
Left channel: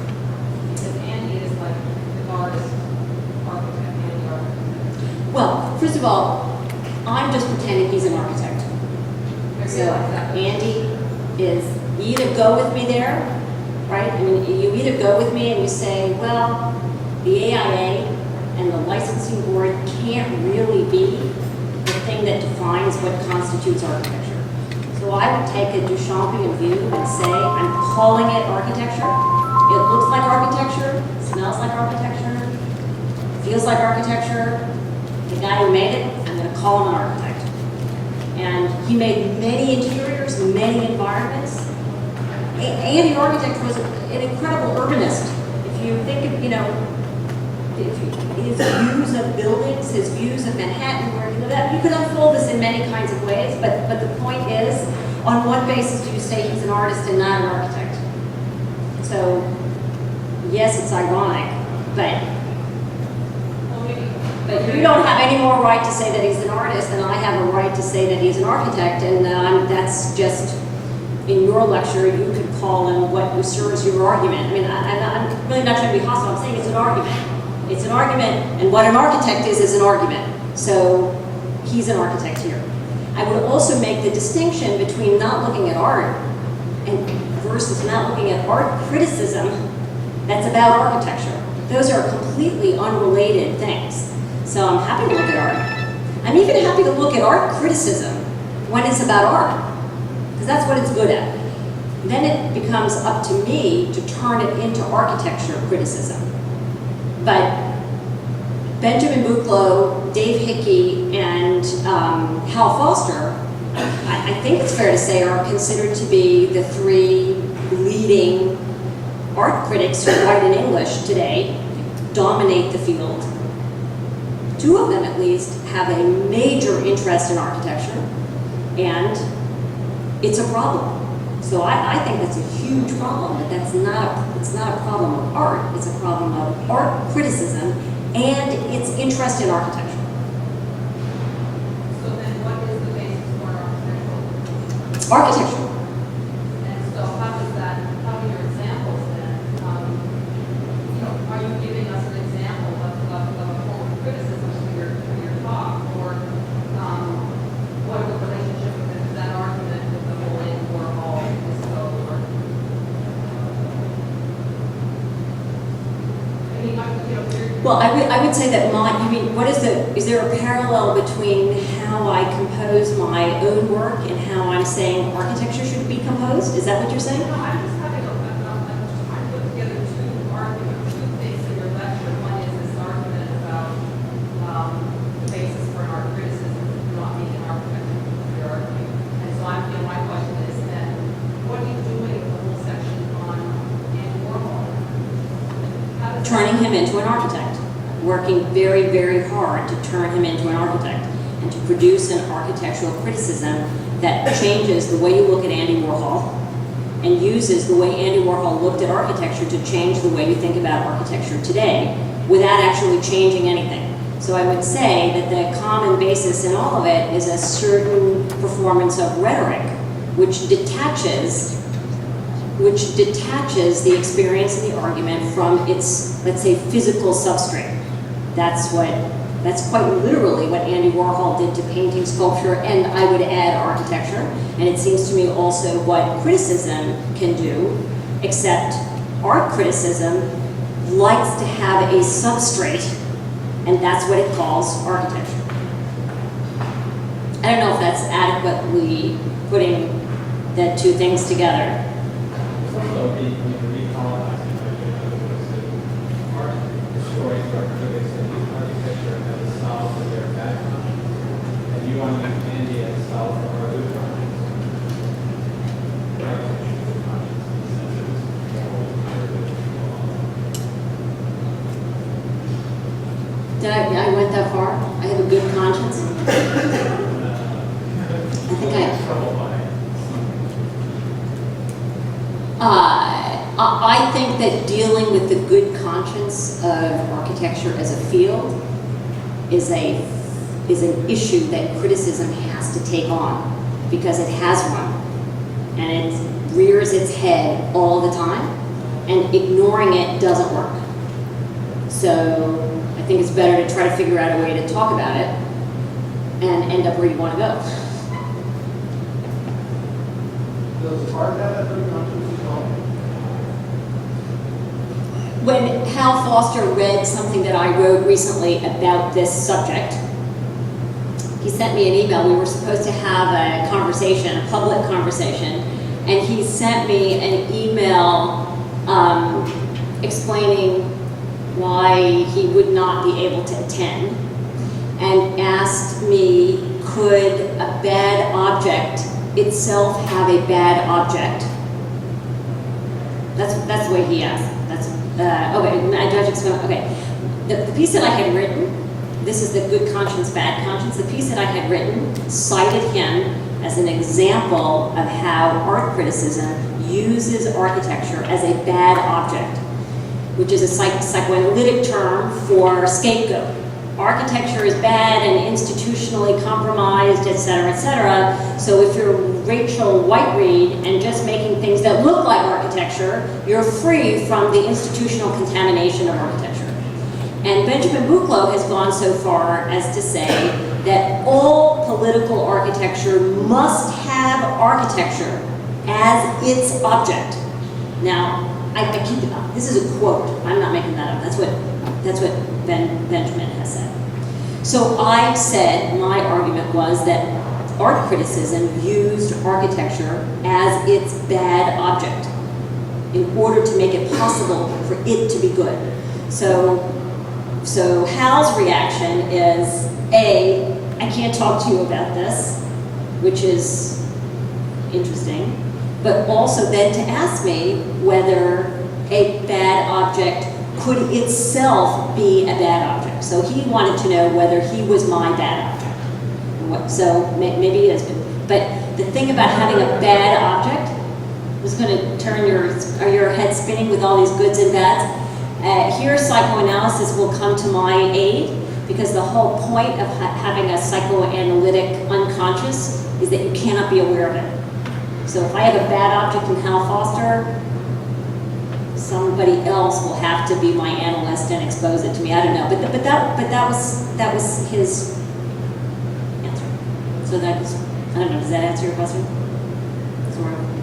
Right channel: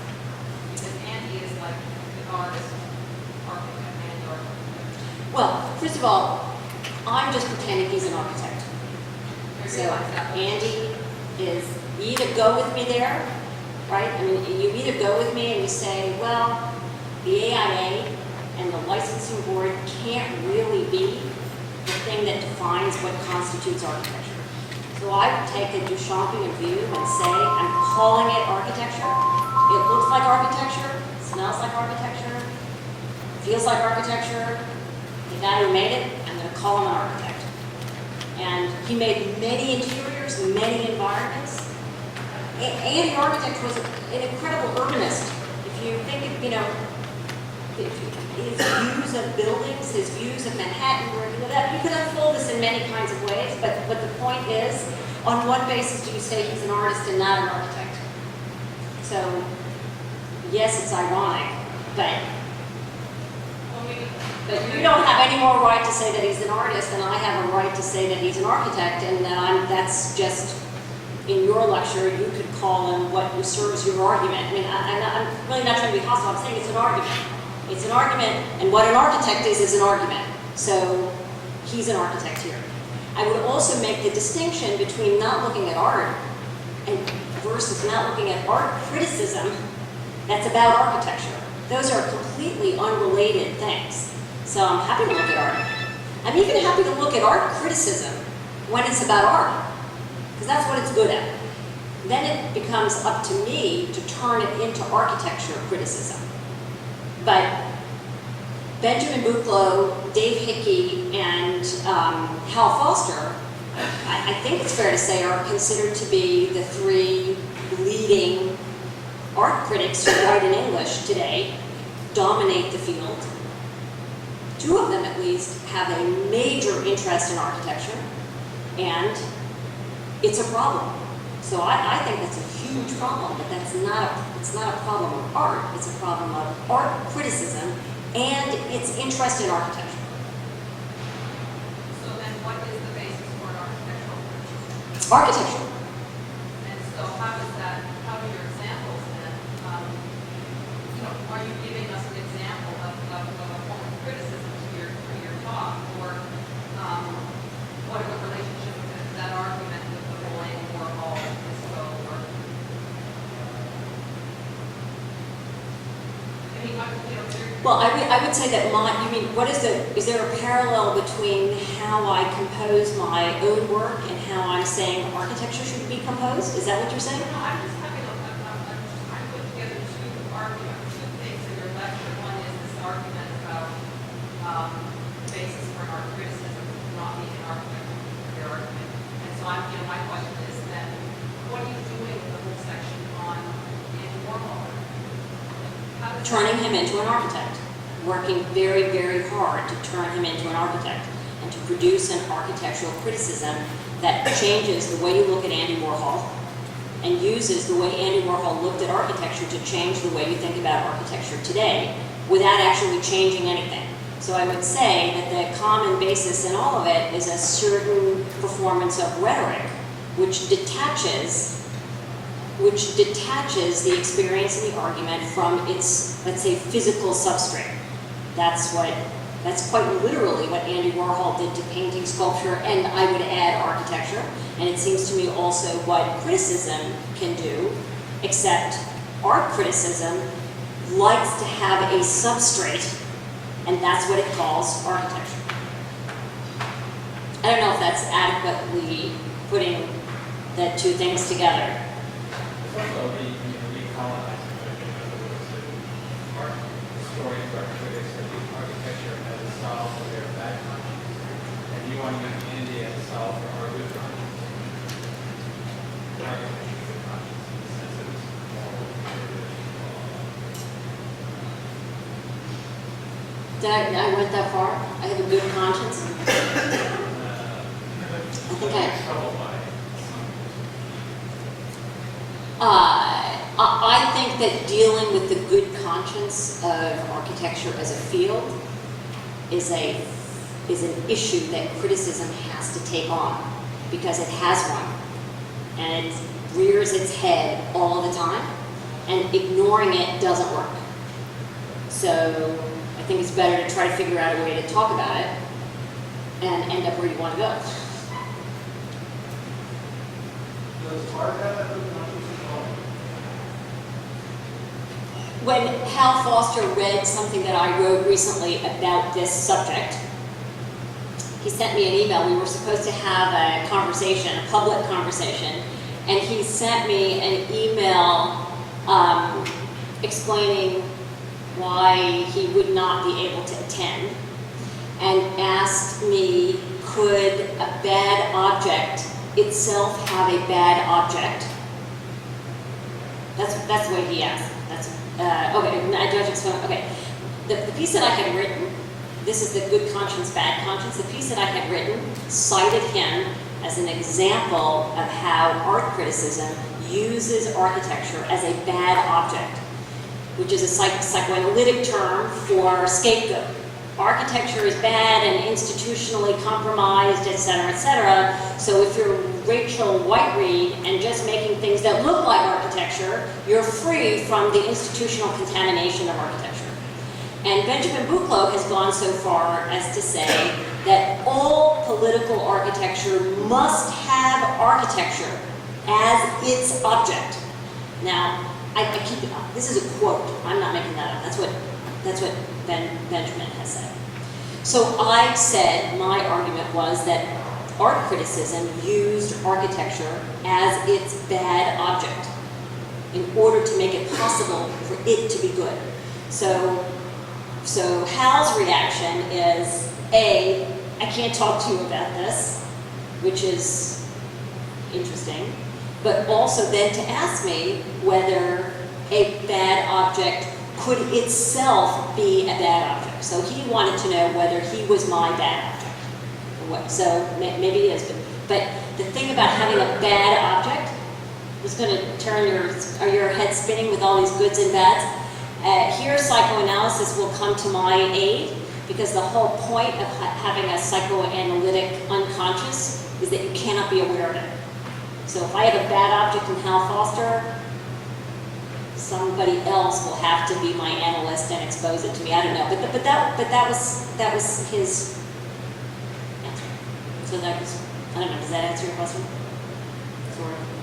Because Andy is like the artist architect, Andy architect. Well, first of all, I'm just pretending he's an architect. So Andy is, you either go with me there, right? I mean, you either go with me and you say, well, the AIA and the licensing board can't really be the thing that defines what constitutes architecture. So I would take a Duchampian view and say, I'm calling it architecture. It looks like architecture, smells like architecture, feels like architecture. The guy who made it, I'm going to call him an architect. And he made many interior figures, many environments. Andy Architect was an incredible urbanist. If you think of, his views of buildings, his views of Manhattan, you could unfold this in many kinds of ways, but the point is, on what basis do you say he's an artist and not an architect? So, yes, it's ironic, but you don't have any more right to say that he's an artist than I have a right to say that he's an architect, and that's just, in your lecture, you could call him what serves your argument. I mean, I'm really not trying to be hostile, I'm saying it's an argument. It's an argument, and what an architect is an argument. So, he's an architect here. I would also make the distinction between not looking at art and versus not looking at art criticism that's about architecture. Those are completely unrelated things. So I'm happy to look at art. I'm even happy to look at art criticism when it's about art, because that's what it's good at. Then it becomes up to me to turn it into architecture criticism. But Benjamin Buchloh, Dave Hickey, and Hal Foster, I think it's fair to say, are considered to be the three leading art critics who write in English today, dominate the field. Two of them, at least, have a major interest in architecture, and it's a problem. So I think that's a huge problem, but it's not a problem of art, it's a problem of art criticism and its interest in architecture. So then what is the basis for an architectural? Architecture. And so how do your examples then, are you giving us an example of a form of criticism for your talk, or what are the relationship with that argument with the whole Andy Warhol disco work? Well, I would say that is there a parallel between how I compose my own work and how I'm saying architecture should be composed? Is that what you're saying? No, I'm just having I put together two things in your lecture. One is this argument about the basis for an art criticism not being an architecture for your argument. And so my question is then, what are you doing with the whole section on Andy Warhol? Turning him into an architect. Working very, very hard to turn him into an architect and to produce an architectural criticism that changes the way you look at Andy Warhol and uses the way Andy Warhol looked at architecture to change the way you think about architecture today without actually changing anything. So I would say that the common basis in all of it is a certain performance of rhetoric which detaches the experience and the argument from its, let's say, physical substrate. That's quite literally what Andy Warhol did to painting, sculpture, and I would add architecture. And it seems to me also what criticism can do, except art criticism likes to have a substrate, and that's what it calls architecture. I don't know if that's adequately putting the two things together. Also, we recolonizing version of the words that art historians or critics that use architecture as a style for their bad conscience, and you want to use Andy as a style for our good conscience. Architecture is good conscience in the sense that it's moral, Did I went that far? I have a good conscience? I think I think that dealing with the good conscience of architecture as a field is an issue that criticism has to take on, because it has one, and it rears its head all the time, and ignoring it doesn't work. So I think it's better to try to figure out a way to talk about it and end up where you want to go. Does art have that good conscience as well? When Hal Foster read something that I wrote recently about this subject, he sent me an email. We were supposed to have a conversation, a public conversation, and he sent me an email explaining why he would not be able to attend, and asked me, could a bad object itself have a bad object? That's the way he asked. That's okay. I don't explain. Okay, the piece that I had written. This is the good conscience, bad conscience. The piece that I had written cited him as an example of how art criticism uses architecture as a bad object, which is a psychoanalytic term for scapegoat. Architecture is bad and institutionally compromised, et cetera, so if you're Rachel Whiteread and just making things that look like architecture, you're free from the institutional contamination of architecture. And Benjamin Buchloh has gone so far as to say that all political architecture must have architecture as its object. Now, I keep it up. This is a quote. I'm not making that up. That's what Benjamin has said. So I said, my argument was that art criticism used architecture as its bad object in order to make it possible for it to be good. So Hal's reaction is, A, I can't talk to you about this, which is interesting, but also then to ask me whether a bad object could itself be a bad object. So he wanted to know whether he was my bad object. So maybe he is, but the thing about having a bad object is going to turn your head spinning with all these goods and bads. Here psychoanalysis will come to my aid, because the whole point of having a psychoanalytic unconscious is that you cannot be aware of it. So if I have a bad object in Hal Foster, somebody else will have to be my analyst and expose it to me. I don't know, but that was his answer. So that was, I don't know, does that answer your question? Sort of.